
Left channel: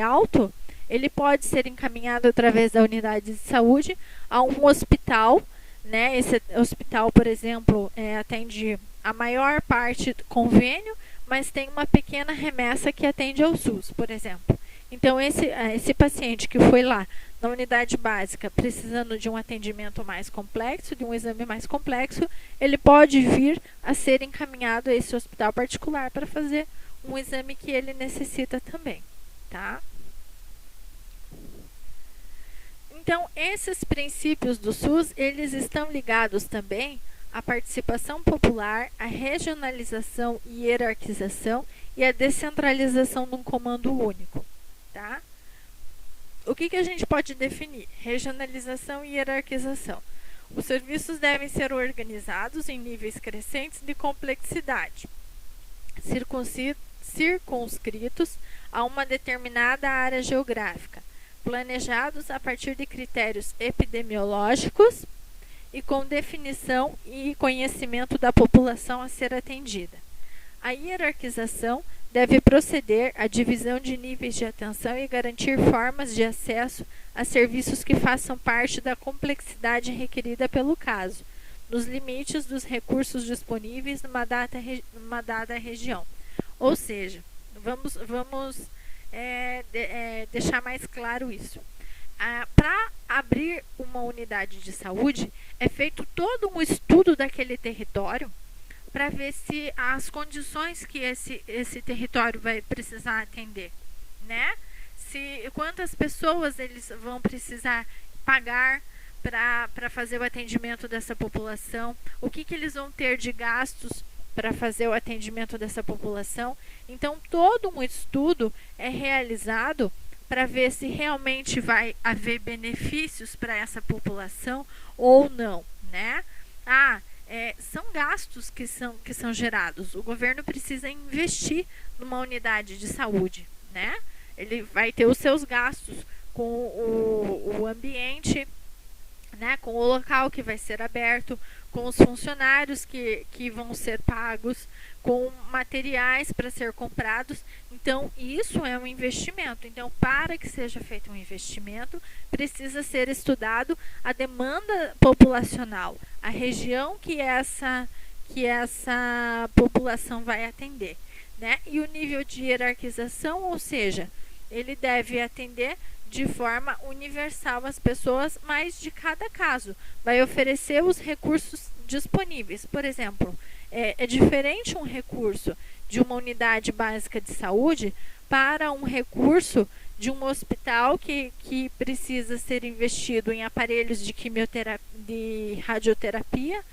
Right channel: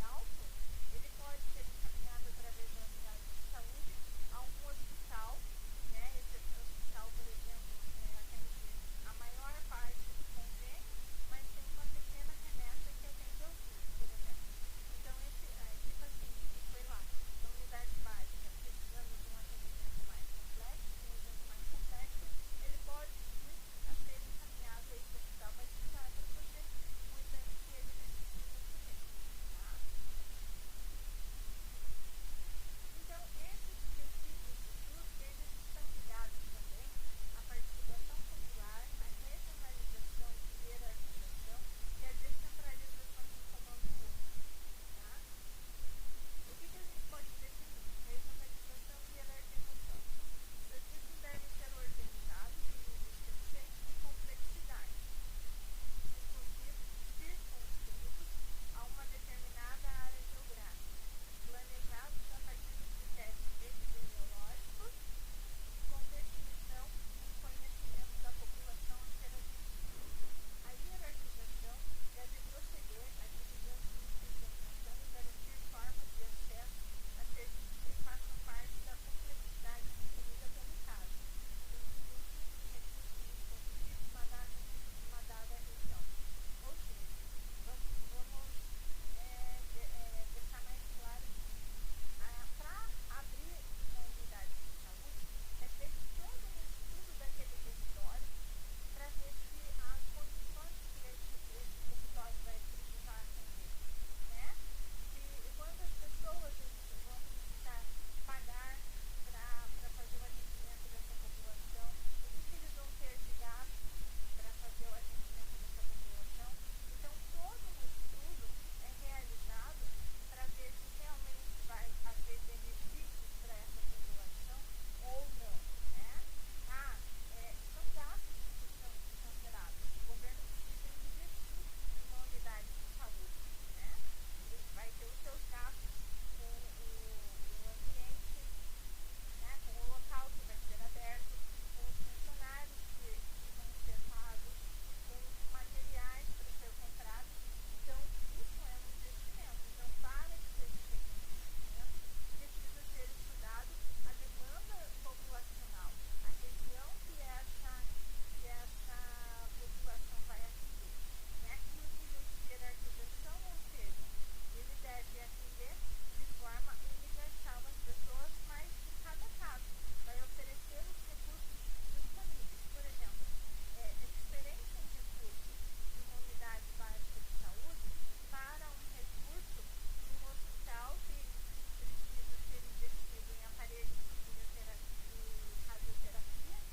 alto, ele pode ser encaminhado através da unidade de saúde a um hospital, né? Esse hospital, por exemplo, atende a maior parte do convênio, mas tem uma pequena remessa que atende ao SUS, por exemplo. Então, esse paciente que foi lá na unidade básica precisando de um atendimento mais complexo, de um exame mais complexo, ele pode vir a ser encaminhado a esse hospital particular para fazer um exame que ele necessita também, tá? Então, esses princípios do SUS, eles estão ligados também à participação popular, à regionalização e hierarquização e à descentralização num comando único, tá? O que a gente pode definir? Regionalização e hierarquização. Os serviços devem ser organizados em níveis crescentes de complexidade, circunscritos a uma determinada área geográfica, planejados a partir de critérios epidemiológicos e com definição e conhecimento da população a ser atendida. A hierarquização deve proceder à divisão de níveis de atenção e garantir formas de acesso a serviços que façam parte da complexidade requerida pelo caso, nos limites dos recursos disponíveis numa dada região. Ou seja, vamos deixar mais claro isso. Para abrir uma unidade de saúde, é feito todo um estudo daquele território para ver se as condições que esse território vai precisar atender, né? Quantas pessoas eles vão precisar pagar para fazer o atendimento dessa população, o que eles vão ter de gastos para fazer o atendimento dessa população. Então, todo um estudo é realizado para ver se realmente vai haver benefícios para essa população ou não, né? São gastos que são gerados. O governo precisa investir numa unidade de saúde, né? Ele vai ter os seus gastos com o ambiente, né? Com o local que vai ser aberto, com os funcionários que vão ser pagos, com materiais para ser comprados. Então, isso é um investimento. Então, para que seja feito um investimento, precisa ser estudado a demanda populacional, a região que essa população vai atender, né? E o nível de hierarquização, ou seja, ele deve atender de forma universal as pessoas, mas de cada caso vai oferecer os recursos disponíveis. Por exemplo, é diferente um recurso de uma unidade básica de saúde para um recurso de um hospital que precisa ser investido em aparelhos de radioterapia,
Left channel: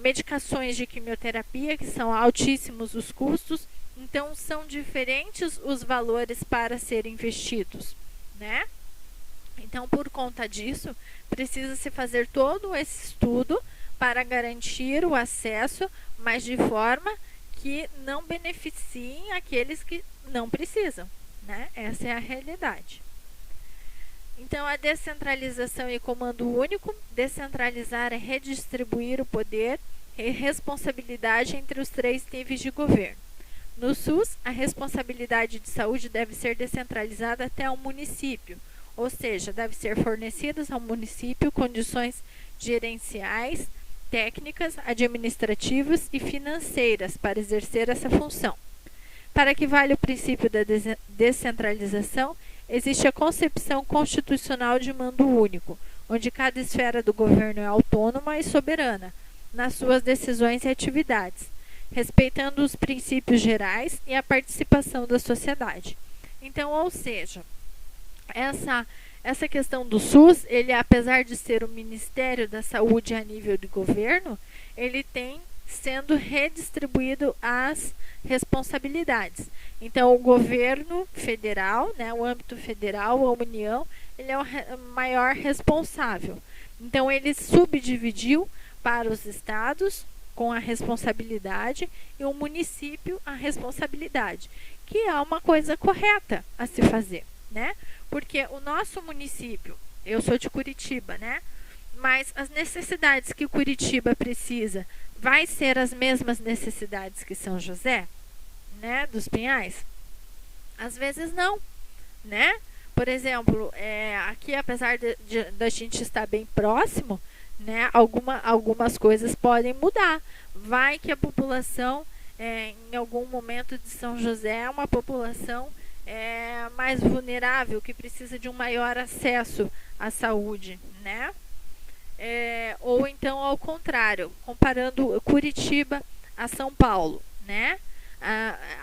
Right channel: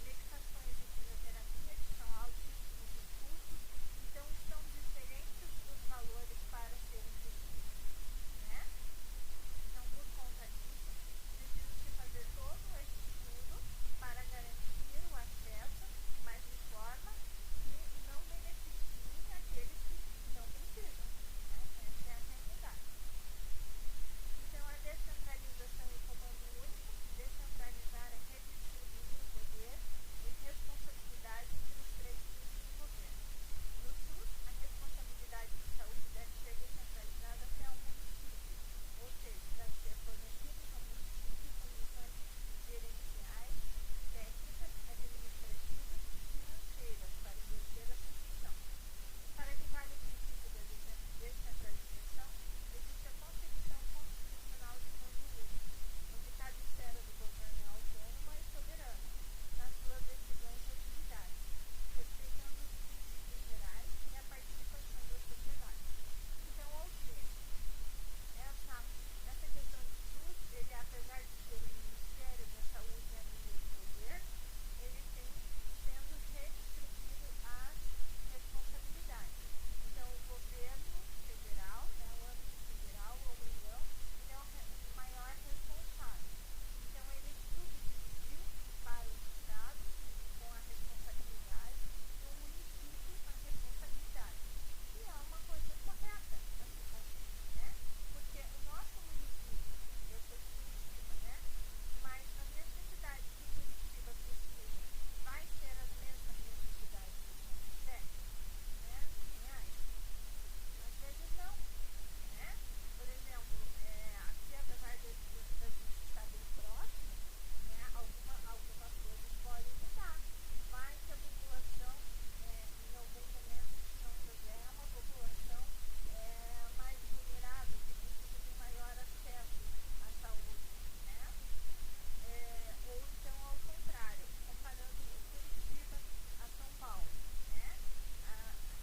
medicações de quimioterapia, que são altíssimos os custos. Então, são diferentes os valores para serem investidos, né? Então, por conta disso, precisa-se fazer todo esse estudo para garantir o acesso, mas de forma que não beneficiem aqueles que não precisam, né? Essa é a realidade. Então, a descentralização e comando único. Descentralizar é redistribuir o poder e responsabilidade entre os 3 níveis de governo. No SUS, a responsabilidade de saúde deve ser descentralizada até o município, ou seja, deve ser fornecidas ao município condições gerenciais, técnicas, administrativas e financeiras para exercer essa função. Para que valha o princípio da descentralização, existe a concepção constitucional de mando único, onde cada esfera do governo é autônoma e soberana nas suas decisões e atividades, respeitando os princípios gerais e a participação da sociedade. Então, ou seja, essa questão do SUS, ele, apesar de ser o Ministério da Saúde a nível de governo, ele tem sendo redistribuído as responsabilidades. Então, o governo federal, né, o âmbito federal, a União, ele é o maior responsável. Então, ele subdividiu para os estados com a responsabilidade e o município a responsabilidade, que é uma coisa correta a se fazer, né? Porque o nosso município, eu sou de Curitiba, né? Mas as necessidades que Curitiba precisa vai ser as mesmas necessidades que São José, né? Dos Pinhais? Às vezes não, né? Por exemplo, aqui, apesar da gente estar bem próximo, né? Algumas coisas podem mudar. Vai que a população, em algum momento de São José, é uma população mais vulnerável, que precisa de um maior acesso à saúde, né? Ou então ao contrário, comparando Curitiba a São Paulo, né?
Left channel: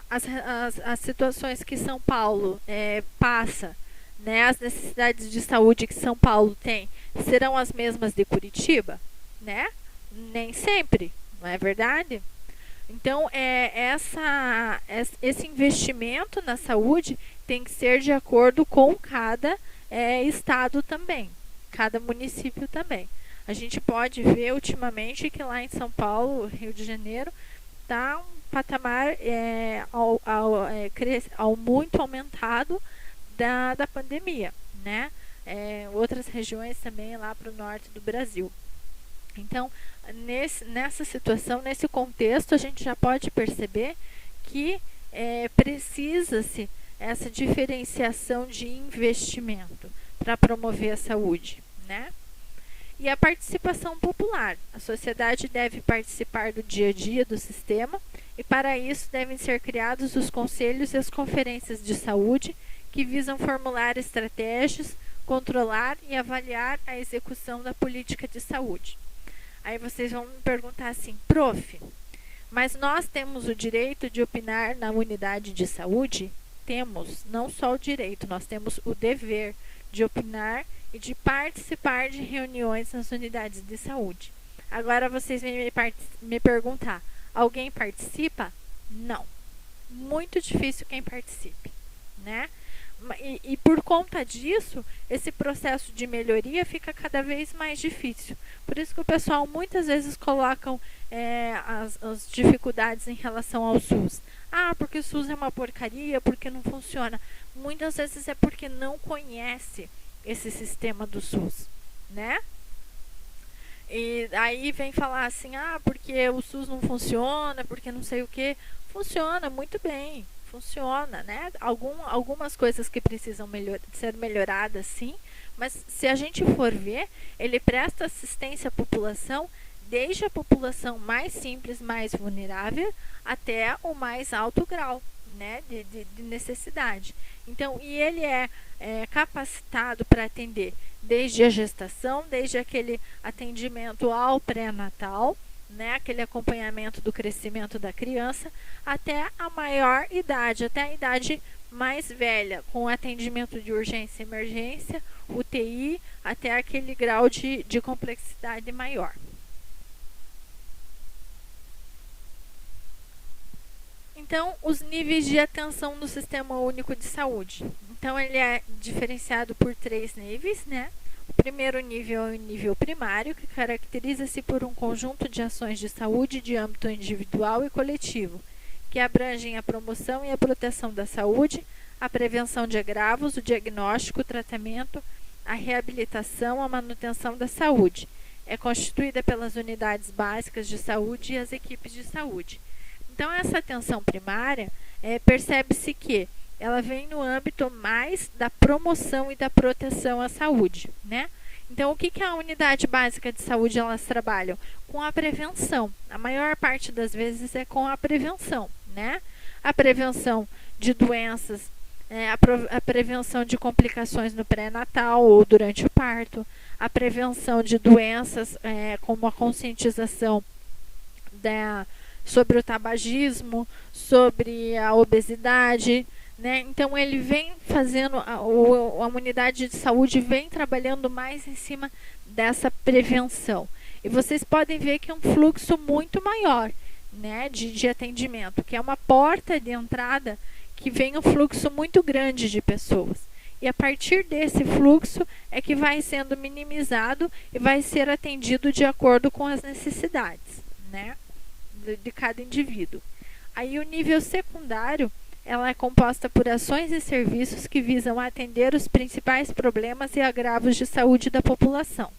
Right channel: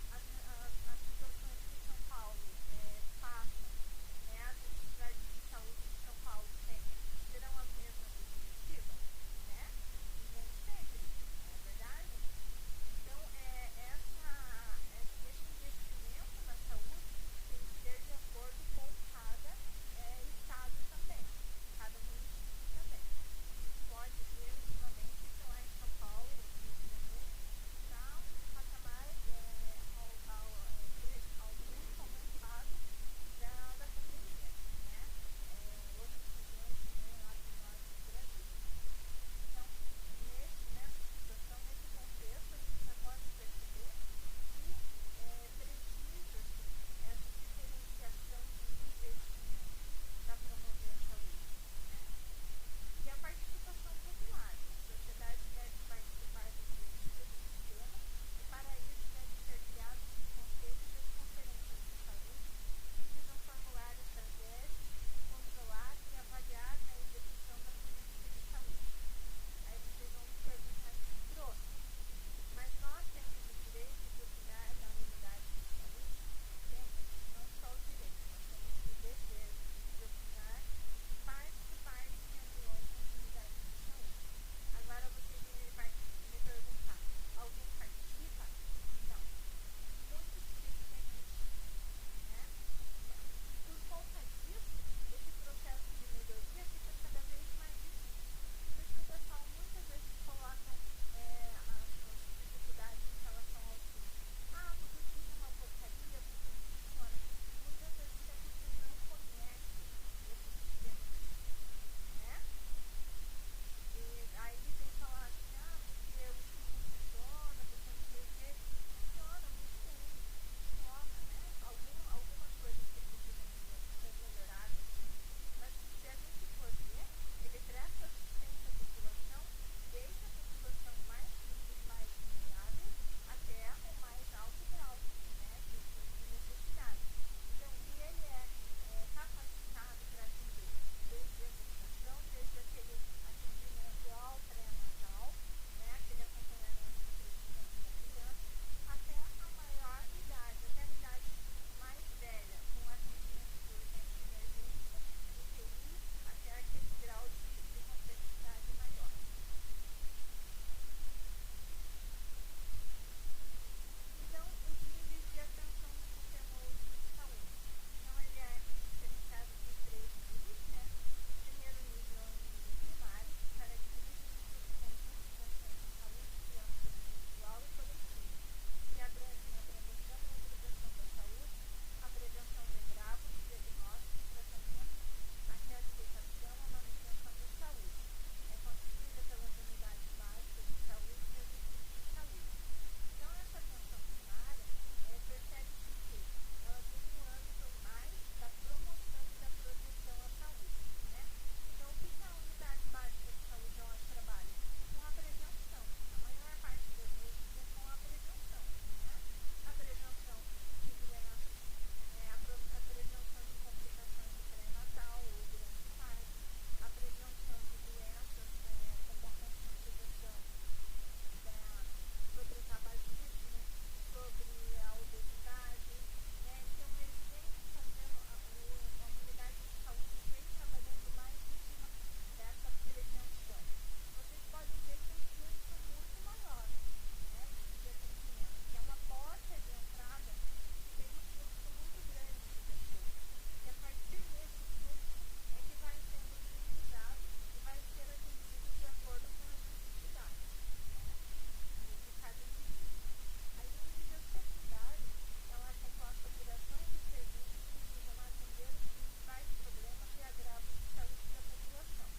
As situações que São Paulo passa, né? As necessidades de saúde que São Paulo tem serão as mesmas de Curitiba, né? Nem sempre, não é verdade? Então, esse investimento na saúde tem que ser de acordo com cada estado também, cada município também. A gente pode ver ultimamente que lá em São Paulo, Rio de Janeiro, está um patamar muito aumentado da pandemia, né? Outras regiões também lá para o norte do Brasil. Então, nessa situação, nesse contexto, a gente já pode perceber que precisa-se essa diferenciação de investimento para promover a saúde, né? E a participação popular. A sociedade deve participar do dia a dia do sistema e, para isso, devem ser criados os conselhos e as conferências de saúde que visam formular estratégias, controlar e avaliar a execução da política de saúde. Aí vocês vão me perguntar assim, prof, mas nós temos o direito de opinar na unidade de saúde? Temos, não só o direito, nós temos o dever de opinar e de participar de reuniões nas unidades de saúde. Agora vocês vêm me perguntar, alguém participa? Não. Muito difícil quem participe, né? E por conta disso, esse processo de melhoria fica cada vez mais difícil. Por isso que o pessoal muitas vezes colocam as dificuldades em relação ao SUS. Ah, porque o SUS é uma porcaria, porque não funciona. Muitas vezes é porque não conhece esse sistema do SUS, né? E aí vem falar assim, porque o SUS não funciona, porque não sei o que. Funciona muito bem, funciona, né? Algumas coisas que precisam ser melhoradas, sim, mas se a gente for ver, ele presta assistência à população, desde a população mais simples, mais vulnerável, até o mais alto grau, né, de necessidade. Então, e ele é capacitado para atender desde a gestação, desde aquele atendimento ao pré-natal, né, aquele acompanhamento do crescimento da criança, até a maior idade, até a idade mais velha, com atendimento de urgência e emergência, UTI, até aquele grau de complexidade maior. Então, os níveis de atenção no Sistema Único de Saúde. Então, ele é diferenciado por 3 níveis, né? O primeiro nível é o nível primário, que caracteriza-se por um conjunto de ações de saúde de âmbito individual e coletivo, que abrangem a promoção e a proteção da saúde, a prevenção de agravos, o diagnóstico, o tratamento, a reabilitação, a manutenção da saúde. É constituída pelas unidades básicas de saúde e as equipes de saúde. Então, essa atenção primária, percebe-se que ela vem no âmbito mais da promoção e da proteção à saúde, né? Então, o que a unidade básica de saúde elas trabalham? Com a prevenção. A maior parte das vezes é com a prevenção, né? A prevenção de doenças a prevenção de complicações no pré-natal ou durante o parto, a prevenção de doenças, como a conscientização sobre o tabagismo, sobre a obesidade, né? Então ele vem fazendo, a unidade de saúde vem trabalhando mais em cima dessa prevenção. E vocês podem ver que é um fluxo muito maior, né, de atendimento, que é uma porta de entrada que vem um fluxo muito grande de pessoas. E a partir desse fluxo é que vai sendo minimizado e vai ser atendido de acordo com as necessidades, né, de cada indivíduo. Aí o nível secundário, ela é composta por ações e serviços que visam atender os principais problemas e agravos de saúde da população,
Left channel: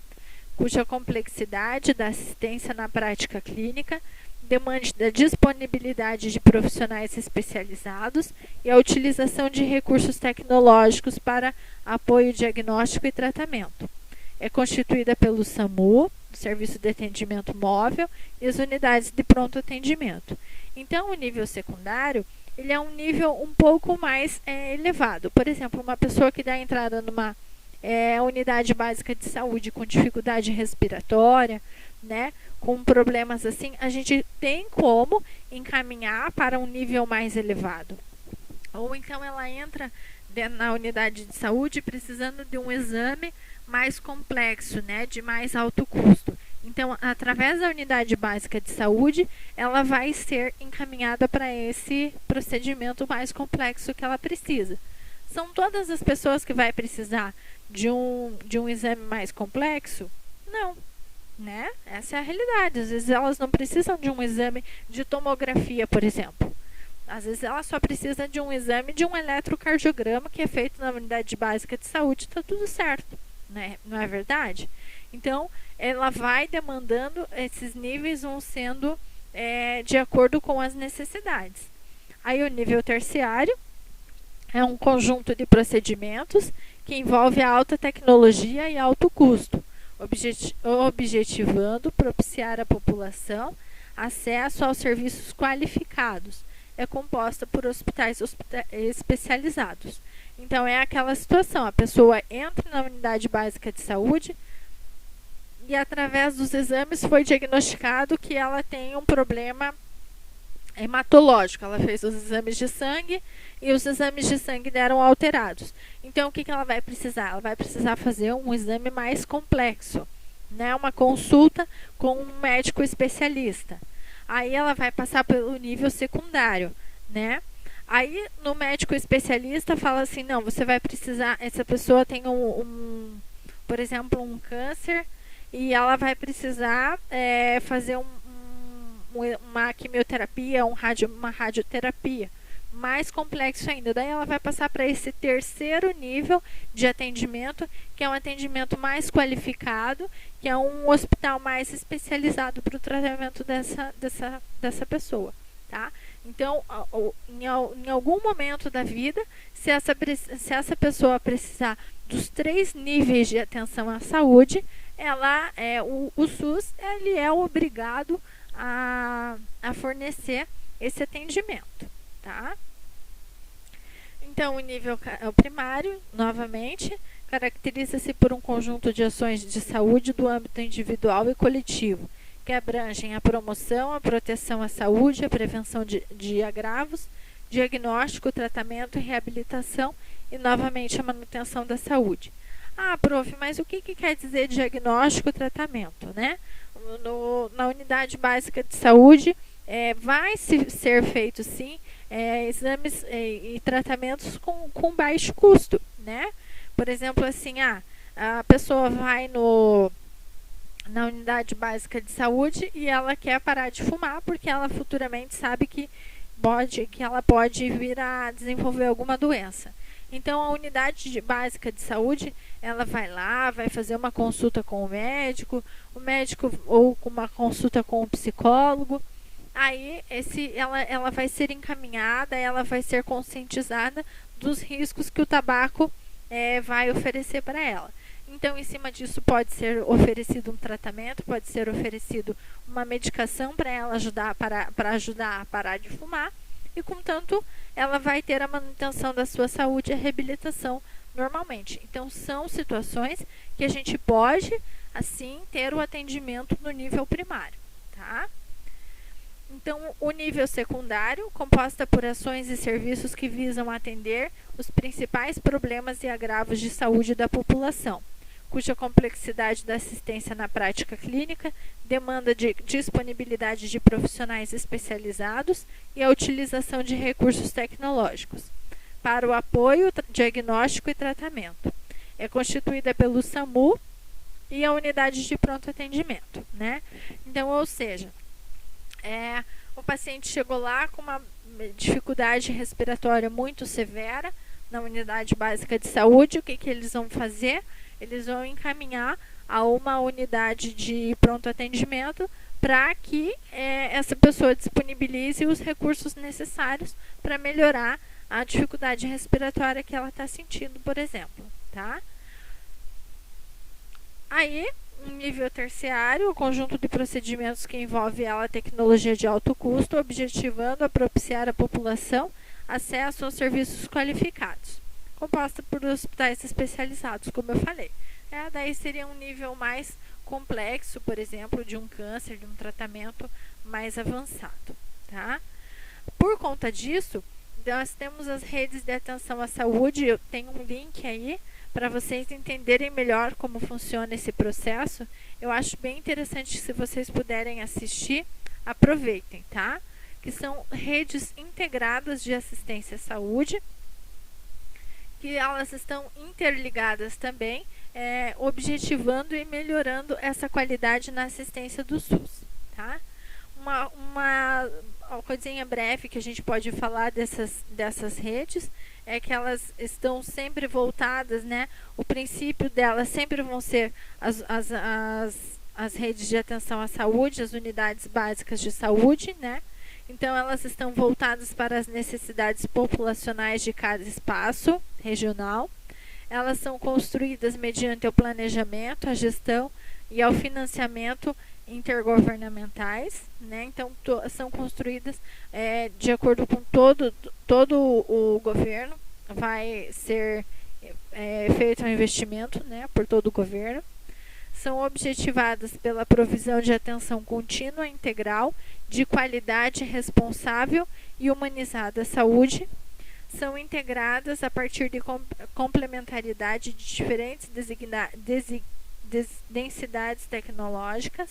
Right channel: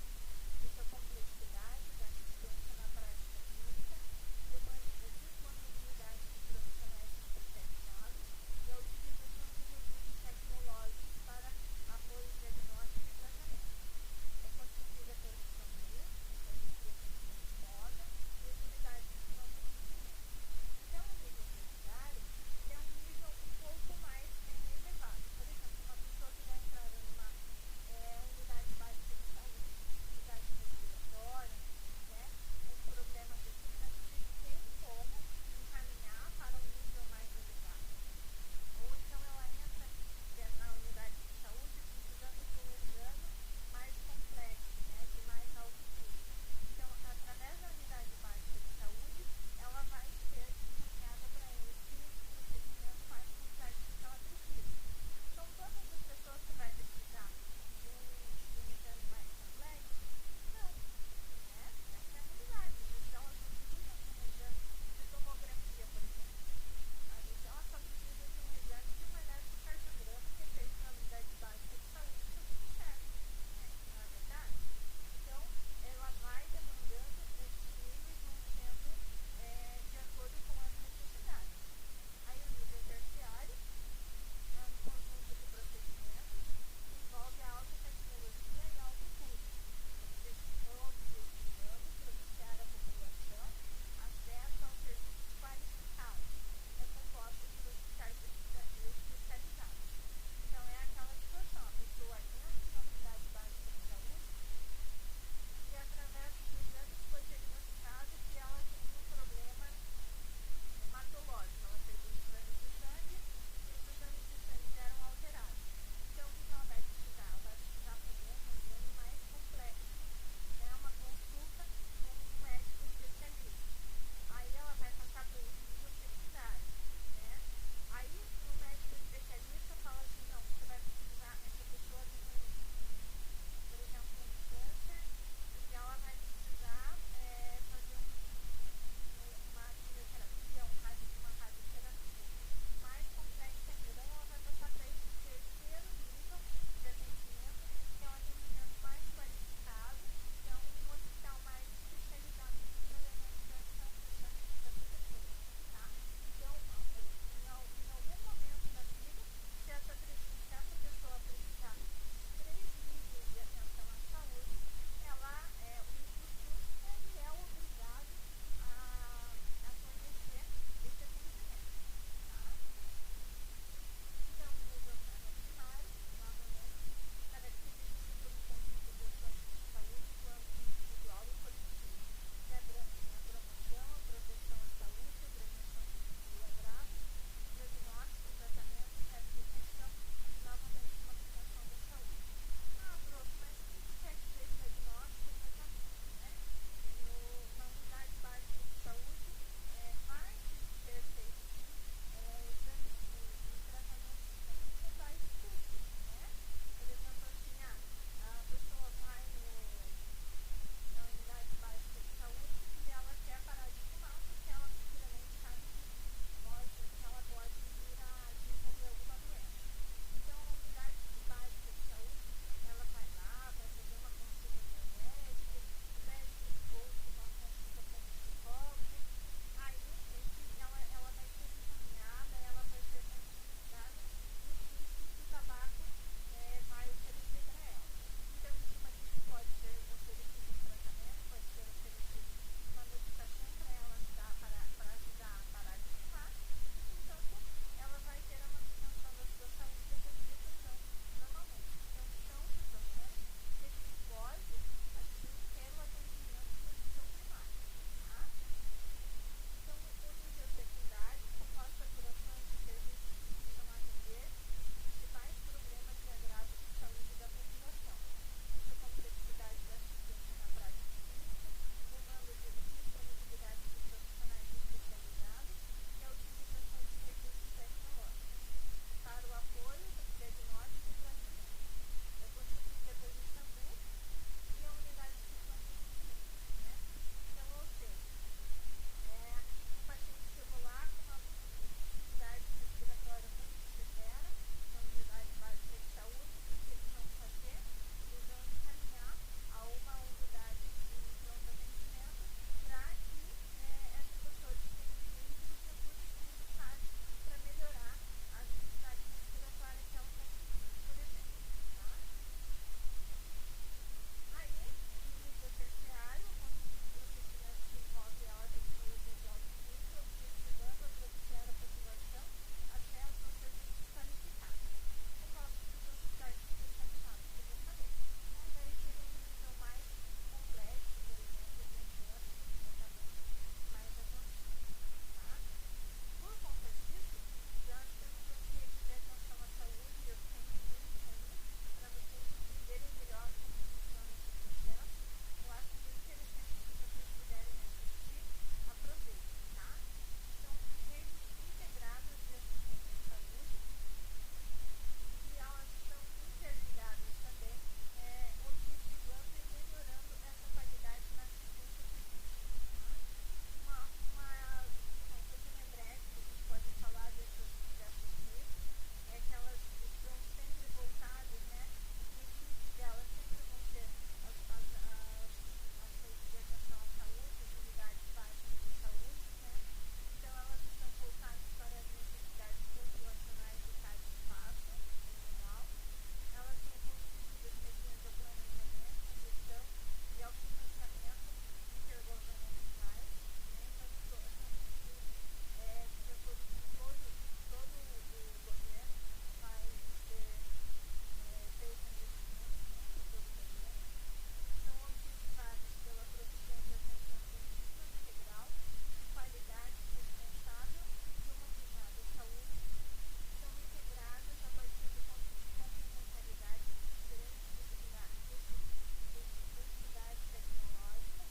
cuja complexidade da assistência na prática clínica demande da disponibilidade de profissionais especializados e a utilização de recursos tecnológicos para apoio diagnóstico e tratamento. É constituída pelo SAMU, Serviço de Atendimento Móvel, e as unidades de pronto atendimento. Então, o nível secundário, ele é um nível um pouco mais elevado. Por exemplo, uma pessoa que dá entrada numa unidade básica de saúde com dificuldade respiratória, né, com problemas assim, a gente tem como encaminhar para um nível mais elevado. Ou então ela entra na unidade de saúde precisando de um exame mais complexo, né, de mais alto custo. Então, através da unidade básica de saúde, ela vai ser encaminhada para esse procedimento mais complexo que ela precisa. São todas as pessoas que vai precisar de um exame mais complexo? Não, né? Essa é a realidade. Às vezes elas não precisam de um exame de tomografia, por exemplo. Às vezes ela só precisa de um exame de um eletrocardiograma que é feito na unidade básica de saúde, está tudo certo, né? Não é verdade? Então, ela vai demandando, esses níveis vão sendo de acordo com as necessidades. Aí o nível terciário é um conjunto de procedimentos que envolve a alta tecnologia e alto custo, objetivando propiciar à população acesso aos serviços qualificados. É composta por hospitais especializados. Então, é aquela situação, a pessoa entra na unidade básica de saúde e, através dos exames, foi diagnosticado que ela tem um problema hematológico. Ela fez os exames de sangue e os exames de sangue deram alterados. Então, o que ela vai precisar? Ela vai precisar fazer um exame mais complexo, né? Uma consulta com um médico especialista. Aí ela vai passar pelo nível secundário, né? Aí, no médico especialista, fala assim, não, você vai precisar, essa pessoa tem por exemplo, um câncer, e ela vai precisar fazer uma quimioterapia, uma radioterapia, mais complexo ainda. Daí ela vai passar para esse terceiro nível de atendimento, que é um atendimento mais qualificado, que é um hospital mais especializado para o tratamento dessa pessoa, tá? Então, em algum momento da vida, se essa pessoa precisar dos 3 níveis de atenção à saúde, o SUS ele é obrigado a fornecer esse atendimento, tá? Então, o nível primário, novamente, caracteriza-se por um conjunto de ações de saúde do âmbito individual e coletivo, que abrangem a promoção, a proteção à saúde, a prevenção de agravos, diagnóstico, tratamento e reabilitação e, novamente, a manutenção da saúde. Ah, prof, mas o que quer dizer diagnóstico e tratamento, né? Na unidade básica de saúde, vai ser feito, sim, exames e tratamentos com baixo custo, né? Por exemplo, assim, a pessoa vai na unidade básica de saúde e ela quer parar de fumar porque ela futuramente sabe que ela pode vir a desenvolver alguma doença. Então, a unidade básica de saúde, ela vai lá, vai fazer uma consulta com o médico ou uma consulta com o psicólogo. Aí, ela vai ser encaminhada, ela vai ser conscientizada dos riscos que o tabaco vai oferecer para ela. Então, em cima disso, pode ser oferecido um tratamento, pode ser oferecido uma medicação para ela para ajudar a parar de fumar. E, contanto, ela vai ter a manutenção da sua saúde e a reabilitação normalmente. Então, são situações que a gente pode, assim, ter o atendimento no nível primário, tá? Então, o nível secundário, composta por ações e serviços que visam atender os principais problemas e agravos de saúde da população, cuja complexidade da assistência na prática clínica demanda de disponibilidade de profissionais especializados e a utilização de recursos tecnológicos para o apoio, diagnóstico e tratamento. É constituída pelo SAMU e a unidade de pronto atendimento, né? Então, ou seja, o paciente chegou lá com uma dificuldade respiratória muito severa na unidade básica de saúde. O que eles vão fazer? Eles vão encaminhar a uma unidade de pronto atendimento para que essa pessoa disponibilize os recursos necessários para melhorar a dificuldade respiratória que ela está sentindo, por exemplo, tá? Aí, um nível terciário, o conjunto de procedimentos que envolve a tecnologia de alto custo, objetivando a propiciar à população acesso aos serviços qualificados, composta por hospitais especializados, como eu falei. Daí seria um nível mais complexo, por exemplo, de um câncer, de um tratamento mais avançado, tá? Por conta disso, nós temos as redes de atenção à saúde. Eu tenho um link aí para vocês entenderem melhor como funciona esse processo. Eu acho bem interessante, se vocês puderem assistir, aproveitem, tá? Que são redes integradas de assistência à saúde, que elas estão interligadas também, objetivando e melhorando essa qualidade na assistência do SUS, tá? Uma coisinha breve que a gente pode falar dessas redes é que elas estão sempre voltadas, né? O princípio delas sempre vão ser as redes de atenção à saúde, as unidades básicas de saúde, né? Então, elas estão voltadas para as necessidades populacionais de cada espaço regional. Elas são construídas mediante o planejamento, a gestão e ao financiamento intergovernamentais, né? Então, são construídas de acordo com todo o governo. Vai ser feito um investimento, né, por todo o governo. São objetivadas pela provisão de atenção contínua, integral, de qualidade, responsável e humanizada à saúde. São integradas a partir de complementaridade de diferentes densidades tecnológicas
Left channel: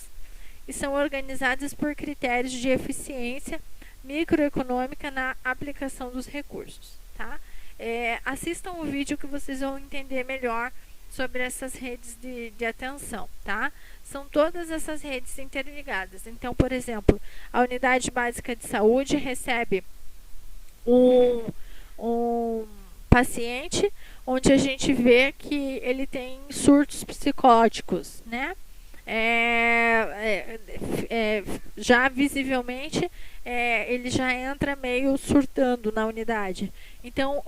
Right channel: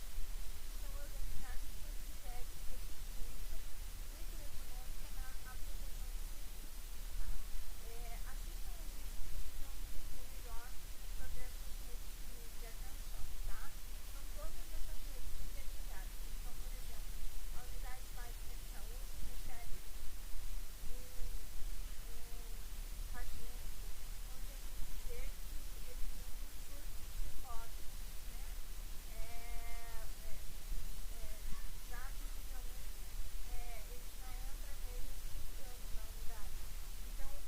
e são organizadas por critérios de eficiência microeconômica na aplicação dos recursos, tá? Assistam o vídeo que vocês vão entender melhor sobre essas redes de atenção, tá? São todas essas redes interligadas. Então, por exemplo, a unidade básica de saúde recebe um paciente onde a gente vê que ele tem surtos psicóticos, né? Já visivelmente ele já entra meio surtando na unidade. Então,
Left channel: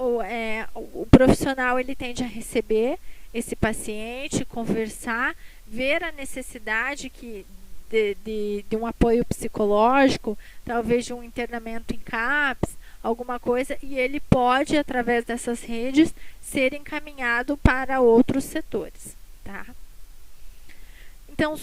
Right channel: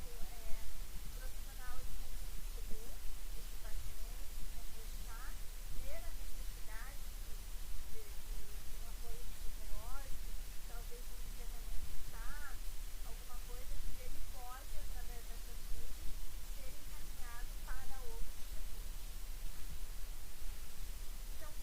o profissional ele tende a receber esse paciente, conversar, ver a necessidade de um apoio psicológico, talvez de um internamento em CAPS, alguma coisa, e ele pode, através dessas redes, ser encaminhado para outros setores, tá? Então,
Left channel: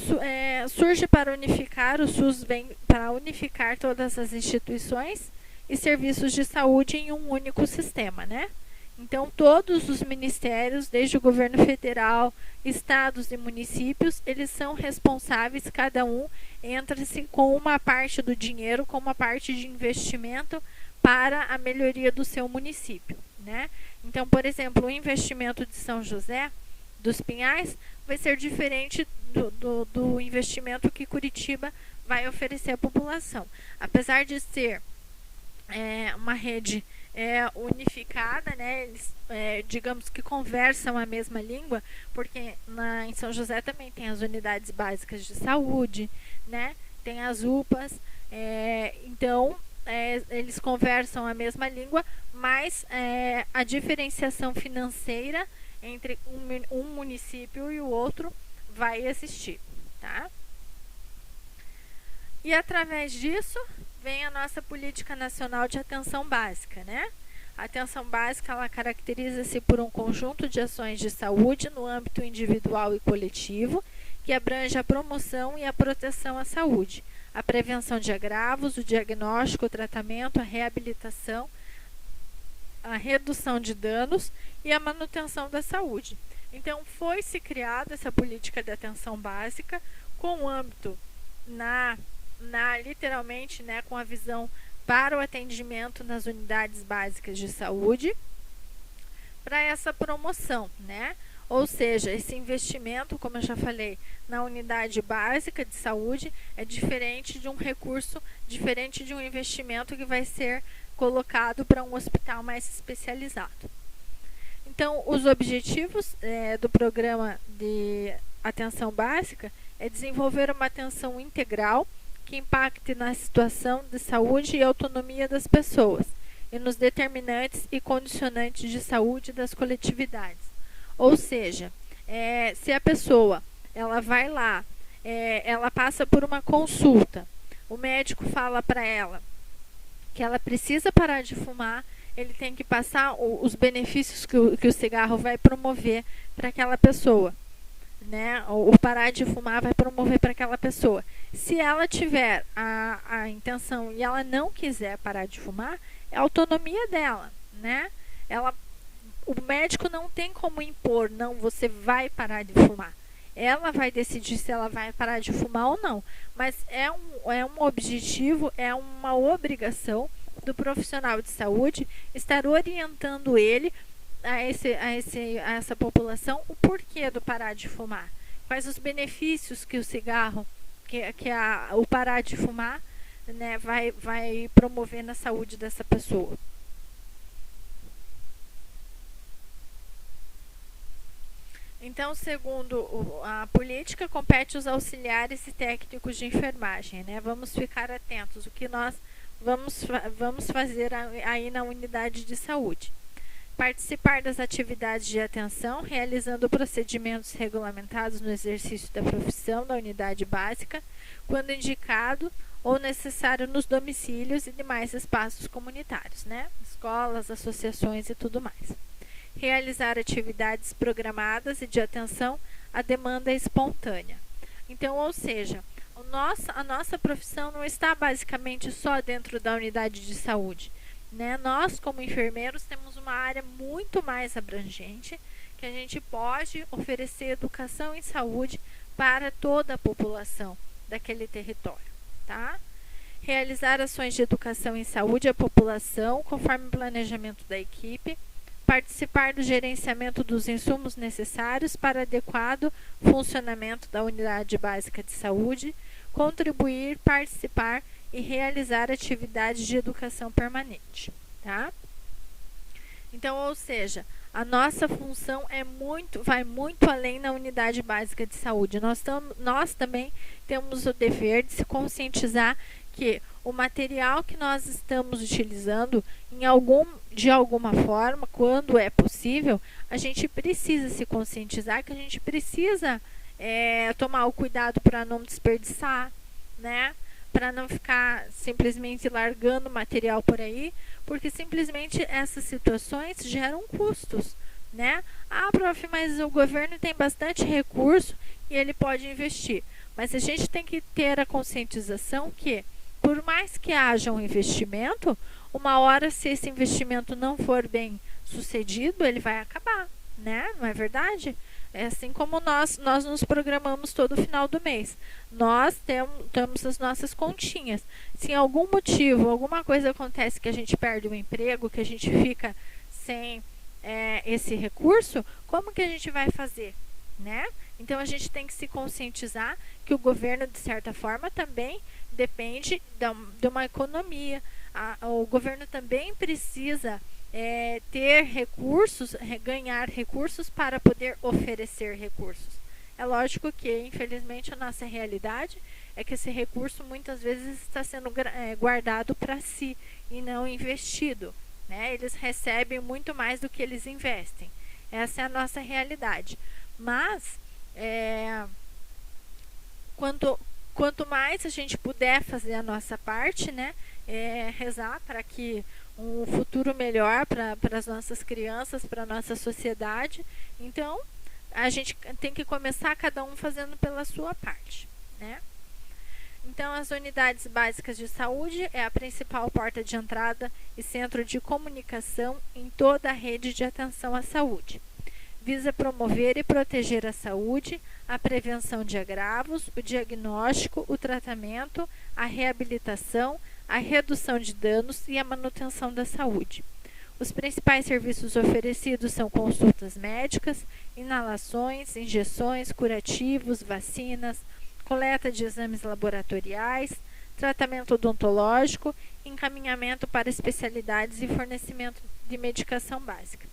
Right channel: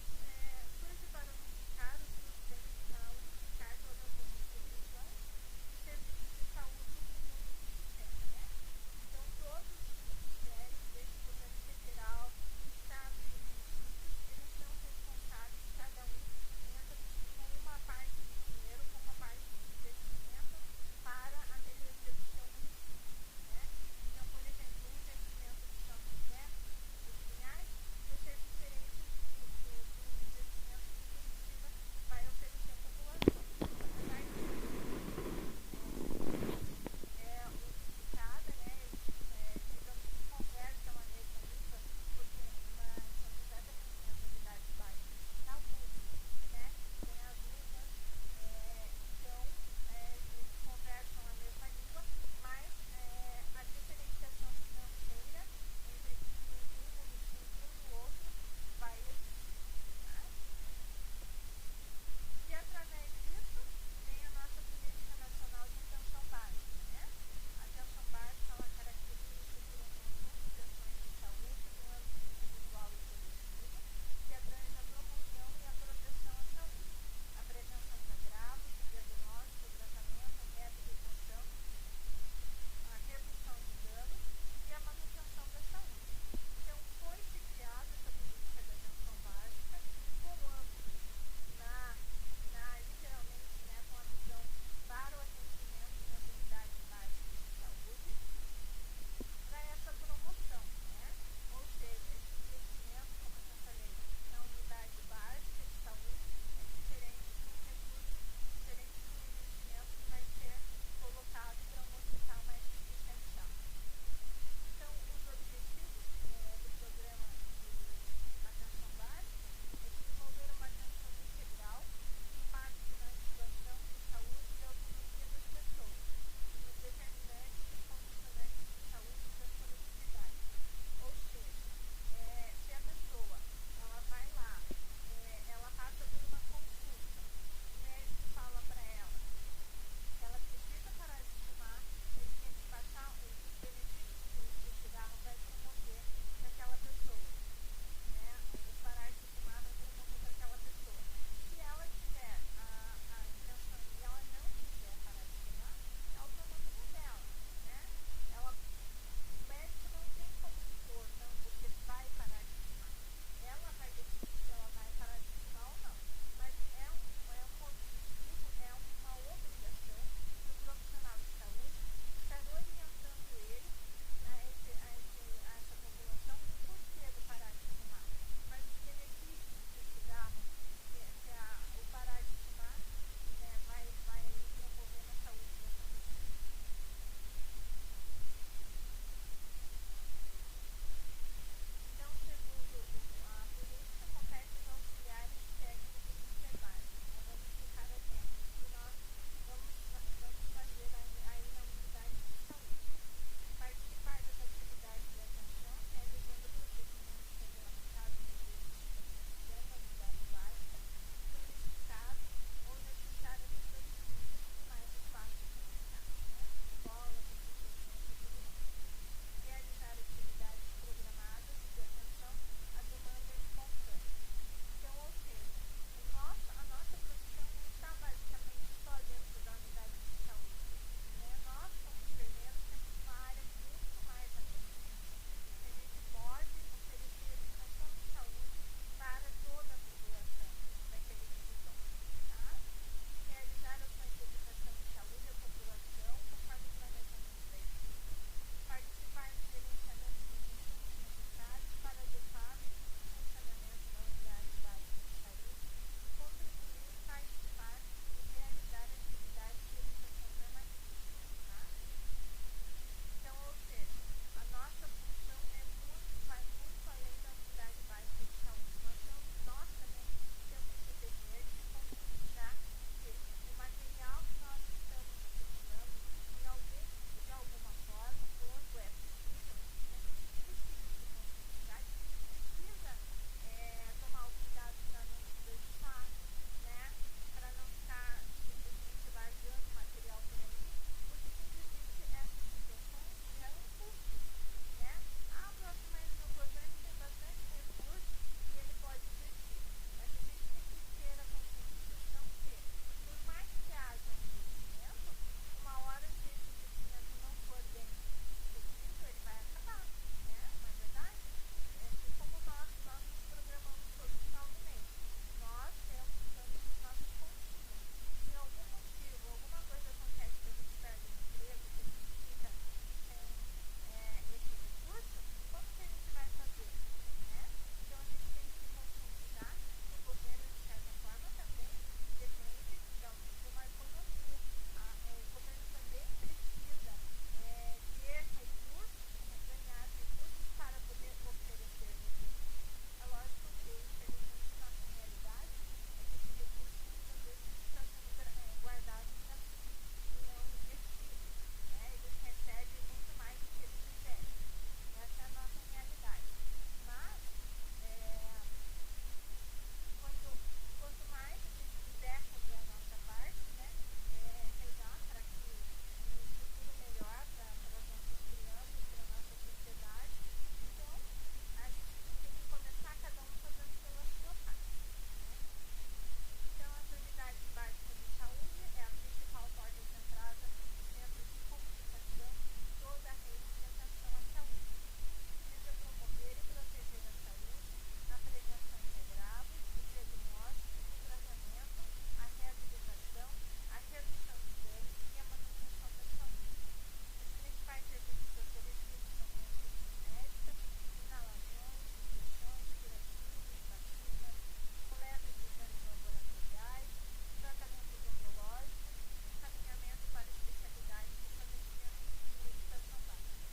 surge para unificar, o SUS vem para unificar todas as instituições e serviços de saúde em um único sistema, né? Então, todos os ministérios, desde o governo federal, estados e municípios, eles são responsáveis, cada um entra-se com uma parte do dinheiro, com uma parte de investimento para a melhoria do seu município, né? Então, por exemplo, o investimento de São José dos Pinhais vai ser diferente do investimento que Curitiba vai oferecer à população. Apesar de ser uma rede unificada, né? Eles, digamos que conversam a mesma língua, porque em São José também tem as unidades básicas de saúde, né? Tem as UPAs, então eles conversam a mesma língua, mas a diferenciação financeira entre um município e o outro vai existir, tá? E através disso, vem a nossa Política Nacional de Atenção Básica, né? A atenção básica, ela caracteriza-se por um conjunto de ações de saúde no âmbito individual e coletivo, que abrange a promoção e a proteção à saúde, a prevenção de agravos, o diagnóstico, o tratamento, a reabilitação, a redução de danos e a manutenção da saúde. Então, foi-se criada essa política de atenção básica com o âmbito literalmente, né, com a visão para o atendimento nas unidades básicas de saúde, para essa promoção, né? Ou seja, esse investimento, como eu já falei, na unidade básica de saúde é diferente de um recurso, diferente de um investimento que vai ser colocado para um hospital mais especializado. Então, os objetivos do programa de atenção básica é desenvolver uma atenção integral que impacte na situação de saúde e autonomia das pessoas e nos determinantes e condicionantes de saúde das coletividades. Ou seja, se a pessoa ela vai lá, ela passa por uma consulta, o médico fala para ela que ela precisa parar de fumar, ele tem que passar os benefícios que o cigarro vai promover para aquela pessoa, né? O parar de fumar vai promover para aquela pessoa. Se ela tiver a intenção e ela não quiser parar de fumar, é a autonomia dela, né? O médico não tem como impor, não, você vai parar de fumar. Ela vai decidir se ela vai parar de fumar ou não. Mas é um objetivo, é uma obrigação do profissional de saúde estar orientando ele a essa população o porquê do parar de fumar. Quais os benefícios que o cigarro, o parar de fumar, né, vai promover na saúde dessa pessoa. Então, segundo a política, compete aos auxiliares e técnicos de enfermagem, né? Vamos ficar atentos o que nós vamos fazer aí na unidade de saúde. Participar das atividades de atenção, realizando procedimentos regulamentados no exercício da profissão da unidade básica, quando indicado ou necessário nos domicílios e demais espaços comunitários, né? Escolas, associações e tudo mais. Realizar atividades programadas e de atenção à demanda espontânea. Então, ou seja, a nossa profissão não está basicamente só dentro da unidade de saúde, né? Nós, como enfermeiros, temos uma área muito mais abrangente, que a gente pode oferecer educação em saúde para toda a população daquele território, tá? Realizar ações de educação em saúde à população, conforme o planejamento da equipe, participar do gerenciamento dos insumos necessários para adequado funcionamento da unidade básica de saúde, contribuir, participar e realizar atividades de educação permanente, tá? Então, ou seja, a nossa função vai muito além na unidade básica de saúde. Nós também temos o dever de se conscientizar que o material que nós estamos utilizando, de alguma forma, quando é possível, a gente precisa se conscientizar que a gente precisa tomar o cuidado para não desperdiçar, né? Para não ficar simplesmente largando material por aí, porque simplesmente essas situações geram custos, né? Ah, prof, mas o governo tem bastante recurso e ele pode investir. Mas a gente tem que ter a conscientização que, por mais que haja um investimento, uma hora, se esse investimento não for bem sucedido, ele vai acabar, né? Não é verdade? É assim como nós nos programamos todo final do mês. Nós temos as nossas continhas. Se em algum motivo, alguma coisa acontece que a gente perde o emprego, que a gente fica sem esse recurso, como que a gente vai fazer, né? Então, a gente tem que se conscientizar que o governo, de certa forma, também depende de uma economia. O governo também precisa ter recursos, ganhar recursos para poder oferecer recursos. É lógico que, infelizmente, a nossa realidade é que esse recurso muitas vezes está sendo guardado para si e não investido, né? Eles recebem muito mais do que eles investem. Essa é a nossa realidade. Mas, quanto mais a gente puder fazer a nossa parte, né, rezar para que um futuro melhor para as nossas crianças, para a nossa sociedade. Então, a gente tem que começar cada um fazendo pela sua parte, né? Então, as unidades básicas de saúde é a principal porta de entrada e centro de comunicação em toda a rede de atenção à saúde. Visa promover e proteger a saúde, a prevenção de agravos, o diagnóstico, o tratamento, a reabilitação, a redução de danos e a manutenção da saúde. Os principais serviços oferecidos são consultas médicas, inalações, injeções, curativos, vacinas, coleta de exames laboratoriais, tratamento odontológico, encaminhamento para especialidades e fornecimento de medicação básica.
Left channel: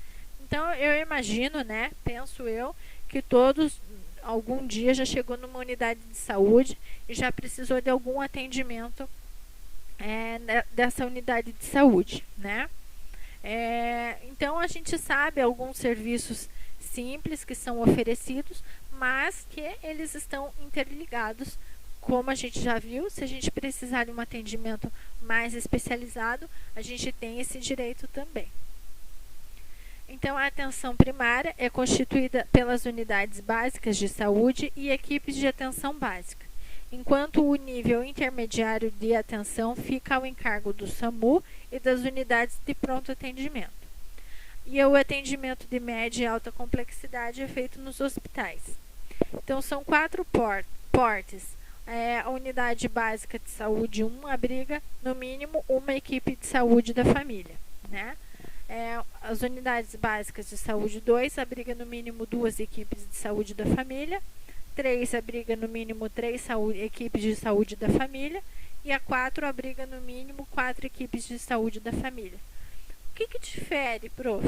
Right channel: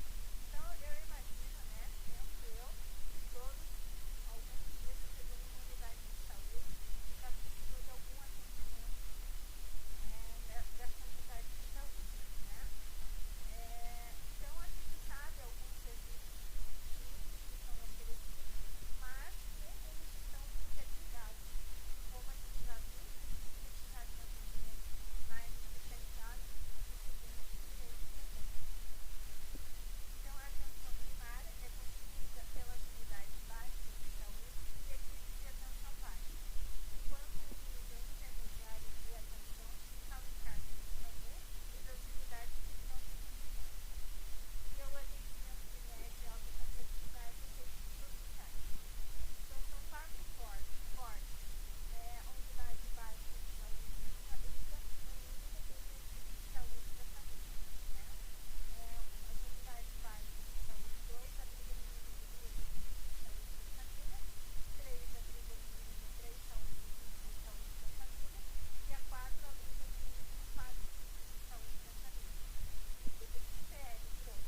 Então, eu imagino, né, penso eu, que todos algum dia já chegou numa unidade de saúde e já precisou de algum atendimento dessa unidade de saúde, né? Então, a gente sabe alguns serviços simples que são oferecidos, mas que eles estão interligados, como a gente já viu. Se a gente precisar de um atendimento mais especializado, a gente tem esse direito também. Então, a atenção primária é constituída pelas unidades básicas de saúde e equipes de atenção básica, enquanto o nível intermediário de atenção fica ao encargo do SAMU e das unidades de pronto atendimento. E o atendimento de média e alta complexidade é feito nos hospitais. Então, são 4 portes. A unidade básica de saúde 1 abriga, no mínimo, uma equipe de saúde da família, né? As unidades básicas de saúde 2 abriga no mínimo 2 equipes de saúde da família, 3 abriga no mínimo 3 equipes de saúde da família e a 4 abriga no mínimo 4 equipes de saúde da família. O que difere, prof?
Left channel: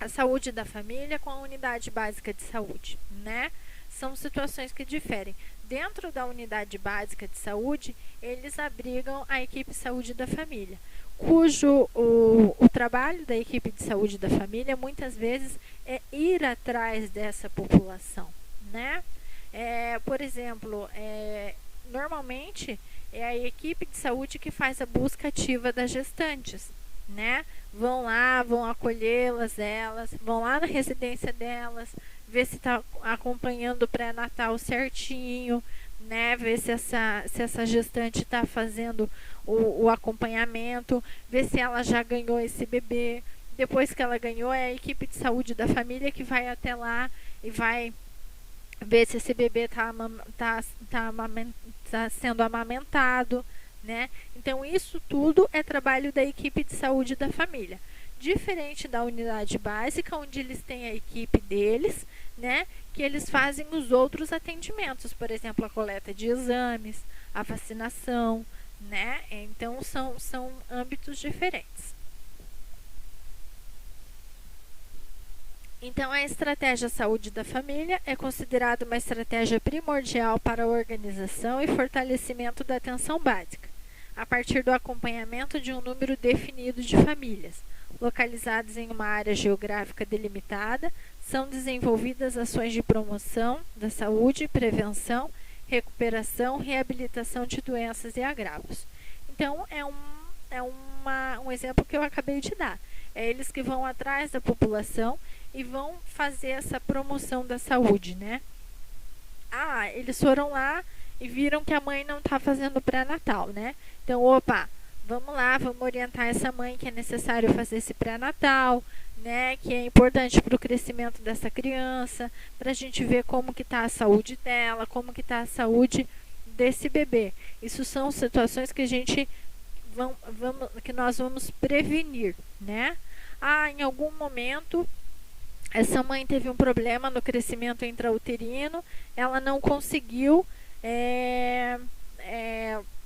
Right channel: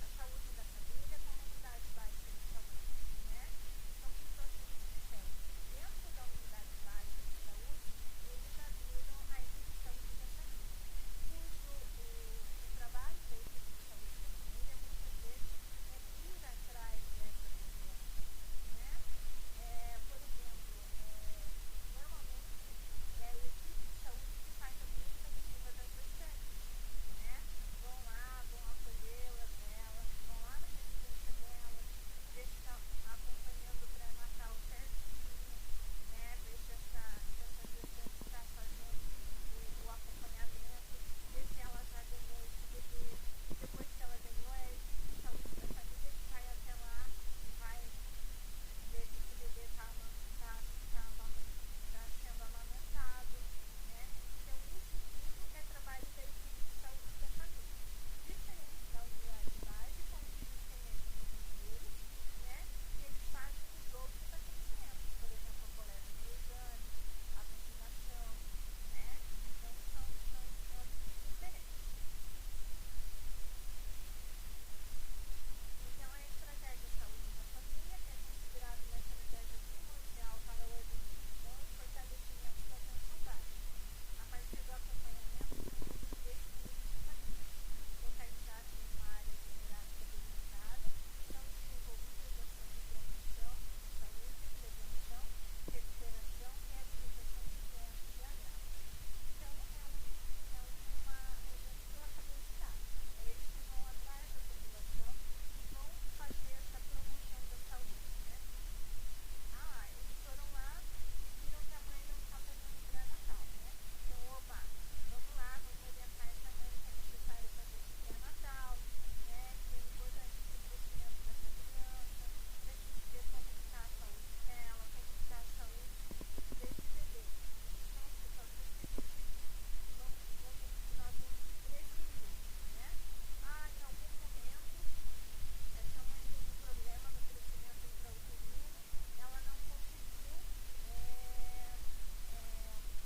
A saúde da família com a unidade básica de saúde, né? São situações que diferem. Dentro da unidade básica de saúde, eles abrigam a equipe de saúde da família, cujo o trabalho da equipe de saúde da família muitas vezes é ir atrás dessa população, né? Por exemplo, normalmente é a equipe de saúde que faz a busca ativa das gestantes, né? Vão lá, vão acolhê-las, vão lá na residência delas, ver se está acompanhando o pré-natal certinho, né? Ver se essa gestante está fazendo o acompanhamento, ver se ela já ganhou esse bebê. Depois que ela ganhou, é a equipe de saúde da família que vai até lá e vai ver se esse bebê está sendo amamentado, né? Então, isso tudo é trabalho da equipe de saúde da família. Diferente da unidade básica, onde eles têm a equipe deles, né? Que eles fazem os outros atendimentos, por exemplo, a coleta de exames, a vacinação, né? Então, são âmbitos diferentes. Então, a estratégia saúde da família é considerada uma estratégia primordial para a organização e fortalecimento da atenção básica, a partir do acompanhamento de um número definido de famílias. Localizadas em uma área geográfica delimitada, são desenvolvidas ações de promoção da saúde, prevenção, recuperação, reabilitação de doenças e agravos. Então, um exemplo que eu acabei de dar. É eles que vão atrás da população e vão fazer essa promoção da saúde, né? Eles foram lá e viram que a mãe não está fazendo pré-natal, né? Então, vamos lá, vamos orientar essa mãe que é necessário fazer esse pré-natal, né? Que é importante para o crescimento dessa criança, para a gente ver como que está a saúde dela, como que está a saúde desse bebê. Isso são situações que que nós vamos prevenir, né? Em algum momento essa mãe teve um problema no crescimento intrauterino, ela não conseguiu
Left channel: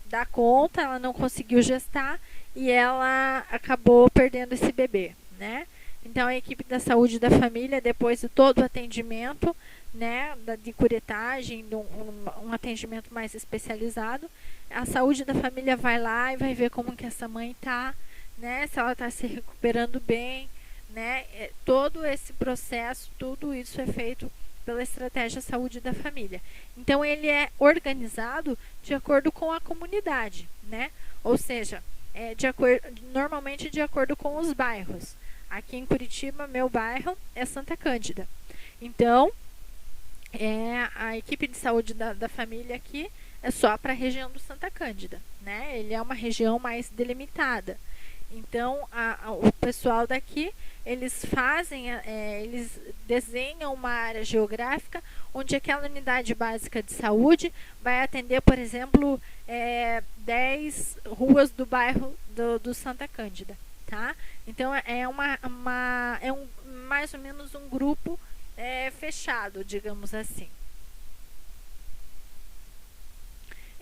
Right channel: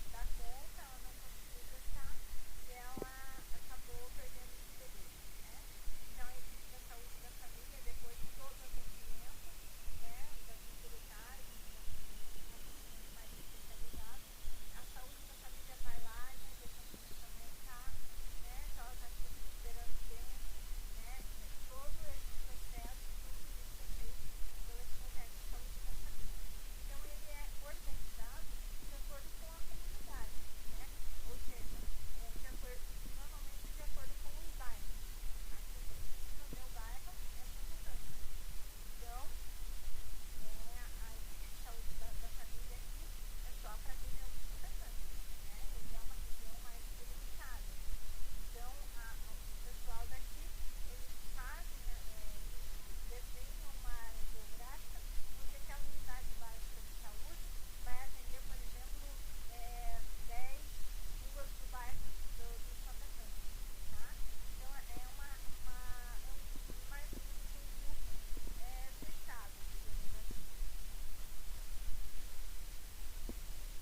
dar conta, ela não conseguiu gestar e ela acabou perdendo esse bebê, né? Então, a equipe da saúde da família, depois de todo o atendimento, né, de curetagem, um atendimento mais especializado, a saúde da família vai lá e vai ver como que essa mãe está, né, se ela está se recuperando bem, né? Todo esse processo, tudo isso é feito pela estratégia saúde da família. Então, ele é organizado de acordo com a comunidade, né? Ou seja, normalmente de acordo com os bairros. Aqui em Curitiba, meu bairro é Santa Cândida. Então, a equipe de saúde da família aqui é só para a região do Santa Cândida, né? Ele é uma região mais delimitada. Então, o pessoal daqui, eles eles desenham uma área geográfica onde aquela unidade básica de saúde vai atender, por exemplo, 10 ruas do bairro do Santa Cândida, tá? Então, mais ou menos um grupo fechado, digamos assim.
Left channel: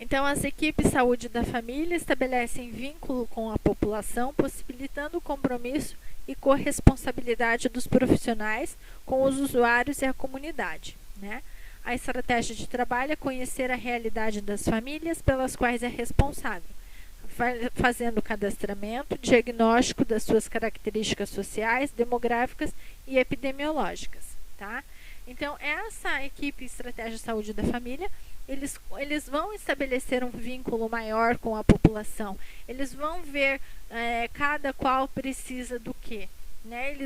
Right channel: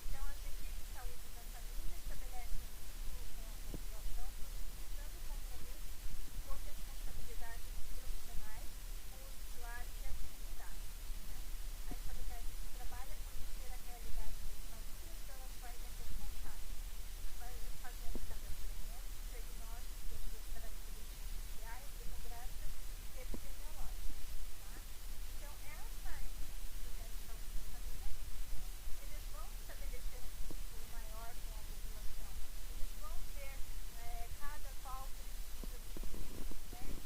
Então, as equipes de saúde da família estabelecem vínculo com a população, possibilitando o compromisso e corresponsabilidade dos profissionais com os usuários e a comunidade, né? A estratégia de trabalho é conhecer a realidade das famílias pelas quais é responsável, fazendo o cadastramento, diagnóstico das suas características sociais, demográficas e epidemiológicas, tá? Então, essa equipe Estratégia de Saúde da Família, eles vão estabelecer um vínculo maior com a população. Eles vão ver cada qual precisa do quê, né?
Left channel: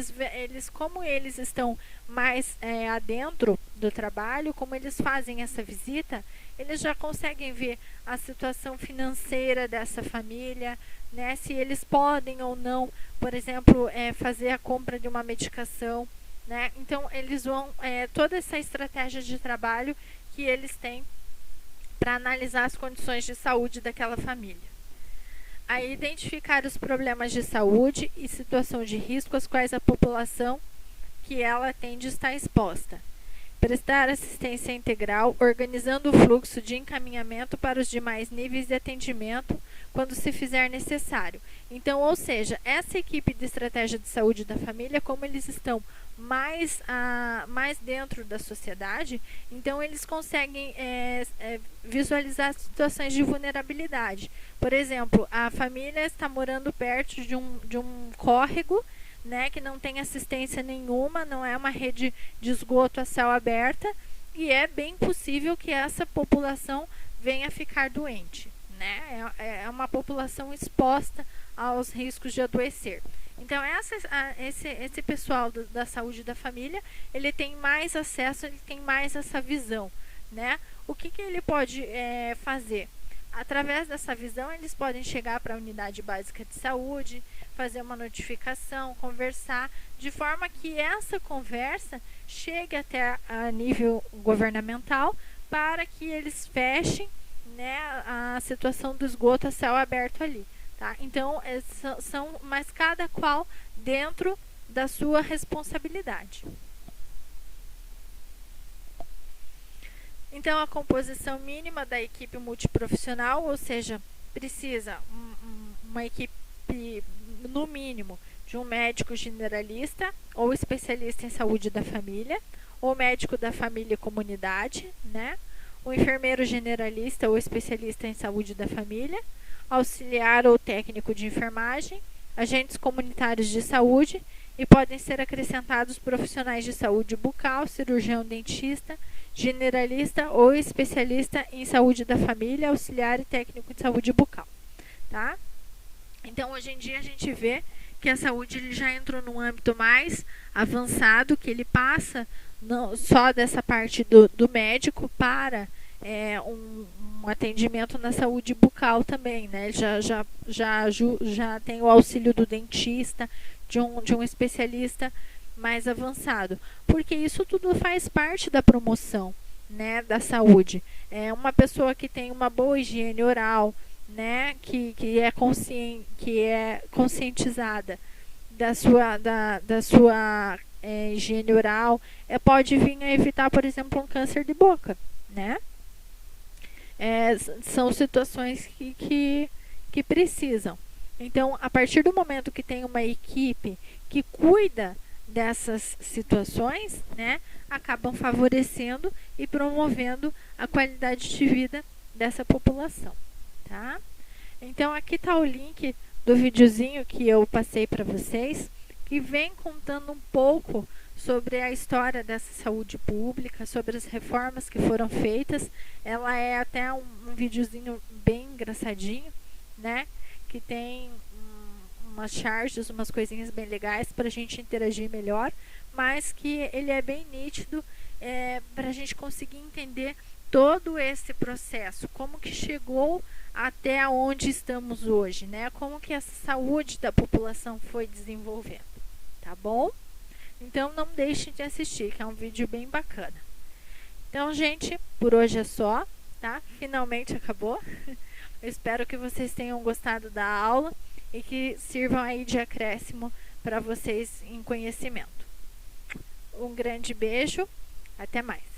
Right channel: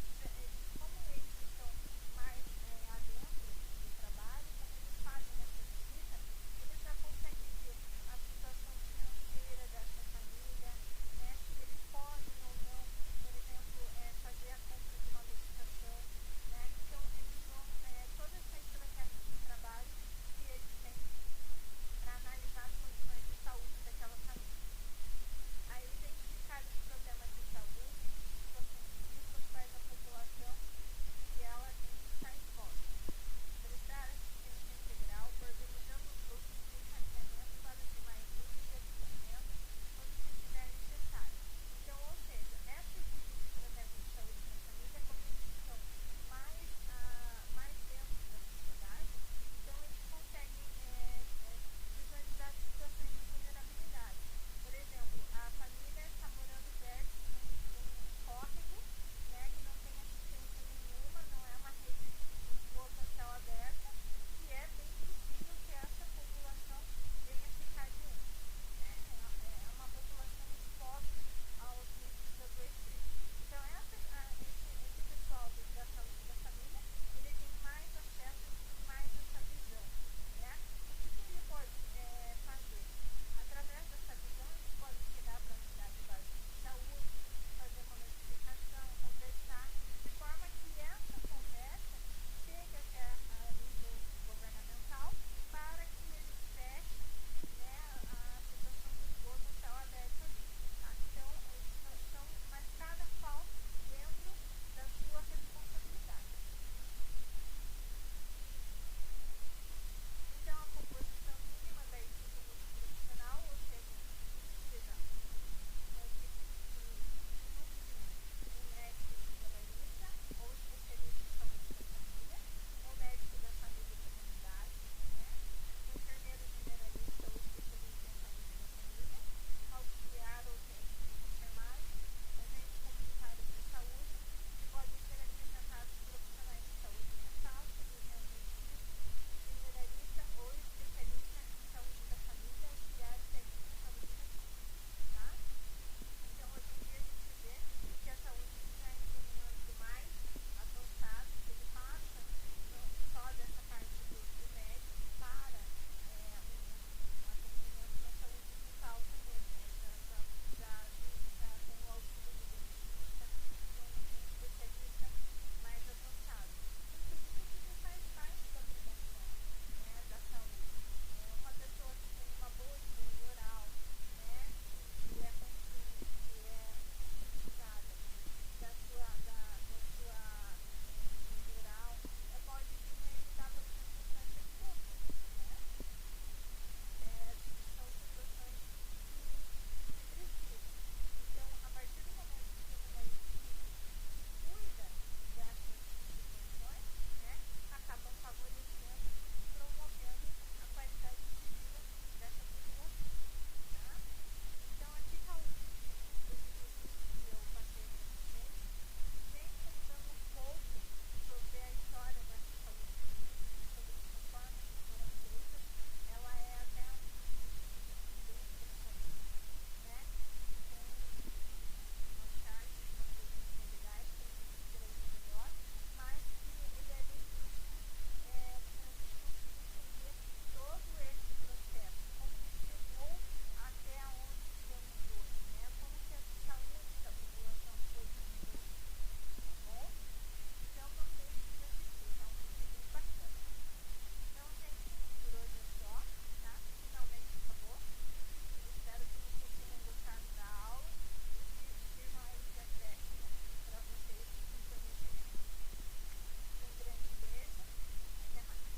Como eles estão mais adentro do trabalho, como eles fazem essa visita, eles já conseguem ver a situação financeira dessa família, né? Se eles podem ou não, por exemplo, fazer a compra de uma medicação, né? Então, eles vão, toda essa estratégia de trabalho que eles têm para analisar as condições de saúde daquela família. Aí, identificar os problemas de saúde e situação de risco às quais a população que ela atende está exposta. Prestar assistência integral, organizando o fluxo de encaminhamento para os demais níveis de atendimento quando se fizer necessário. Então, ou seja, essa equipe de estratégia de saúde da família, como eles estão mais dentro da sociedade, então eles conseguem visualizar situações de vulnerabilidade. Por exemplo, a família está morando perto de um córrego, né, que não tem assistência nenhuma, não é uma rede de esgoto a céu aberta, e é bem possível que essa população venha a ficar doente, né? É uma população exposta aos riscos de adoecer. Então, esse pessoal da saúde da família, ele tem mais acesso, ele tem mais essa visão, né? O que ele pode fazer? Através dessa visão, eles podem chegar para a unidade básica de saúde, fazer uma notificação, conversar, de forma que essa conversa chegue até a nível governamental para que eles fechem, né, a situação do esgoto a céu aberto ali. Tá? Então, mas cada qual dentro da sua responsabilidade. Então, a composição mínima da equipe multiprofissional, ou seja, precisa uma equipe, no mínimo, de um médico generalista ou especialista em saúde da família, ou médico da família e comunidade, né? Um enfermeiro generalista ou especialista em saúde da família, auxiliar ou técnico de enfermagem, agentes comunitários de saúde, e podem ser acrescentados profissionais de saúde bucal, cirurgião dentista, generalista ou especialista em saúde da família, auxiliar e técnico de saúde bucal, tá? Então, hoje em dia a gente vê que a saúde ele já entrou num âmbito mais avançado, que ele passa não só dessa parte do médico para um atendimento na saúde bucal também, né? Já tem o auxílio do dentista, de um especialista mais avançado, porque isso tudo faz parte da promoção, né, da saúde. É uma pessoa que tem uma boa higiene oral, né, que é conscientizada da sua higiene oral, pode vir a evitar, por exemplo, um câncer de boca, né? São situações que precisam. Então, a partir do momento que tem uma equipe que cuida dessas situações, né, acabam favorecendo e promovendo a qualidade de vida dessa população, tá? Então, aqui está o link do videozinho que eu passei para vocês, que vem contando um pouco sobre a história dessa saúde pública, sobre as reformas que foram feitas. Ela é até um videozinho bem engraçadinho, né? Que tem umas charges, umas coisinhas bem legais para a gente interagir melhor, mas que ele é bem nítido para a gente conseguir entender todo esse processo, como que chegou até onde estamos hoje, né? Como que essa saúde da população foi desenvolvendo, tá bom? Então não deixem de assistir, que é um vídeo bem bacana. Então, gente, por hoje é só, tá? Finalmente acabou. Eu espero que vocês tenham gostado da aula e que sirvam aí de acréscimo para vocês em conhecimento. Um grande beijo, até mais.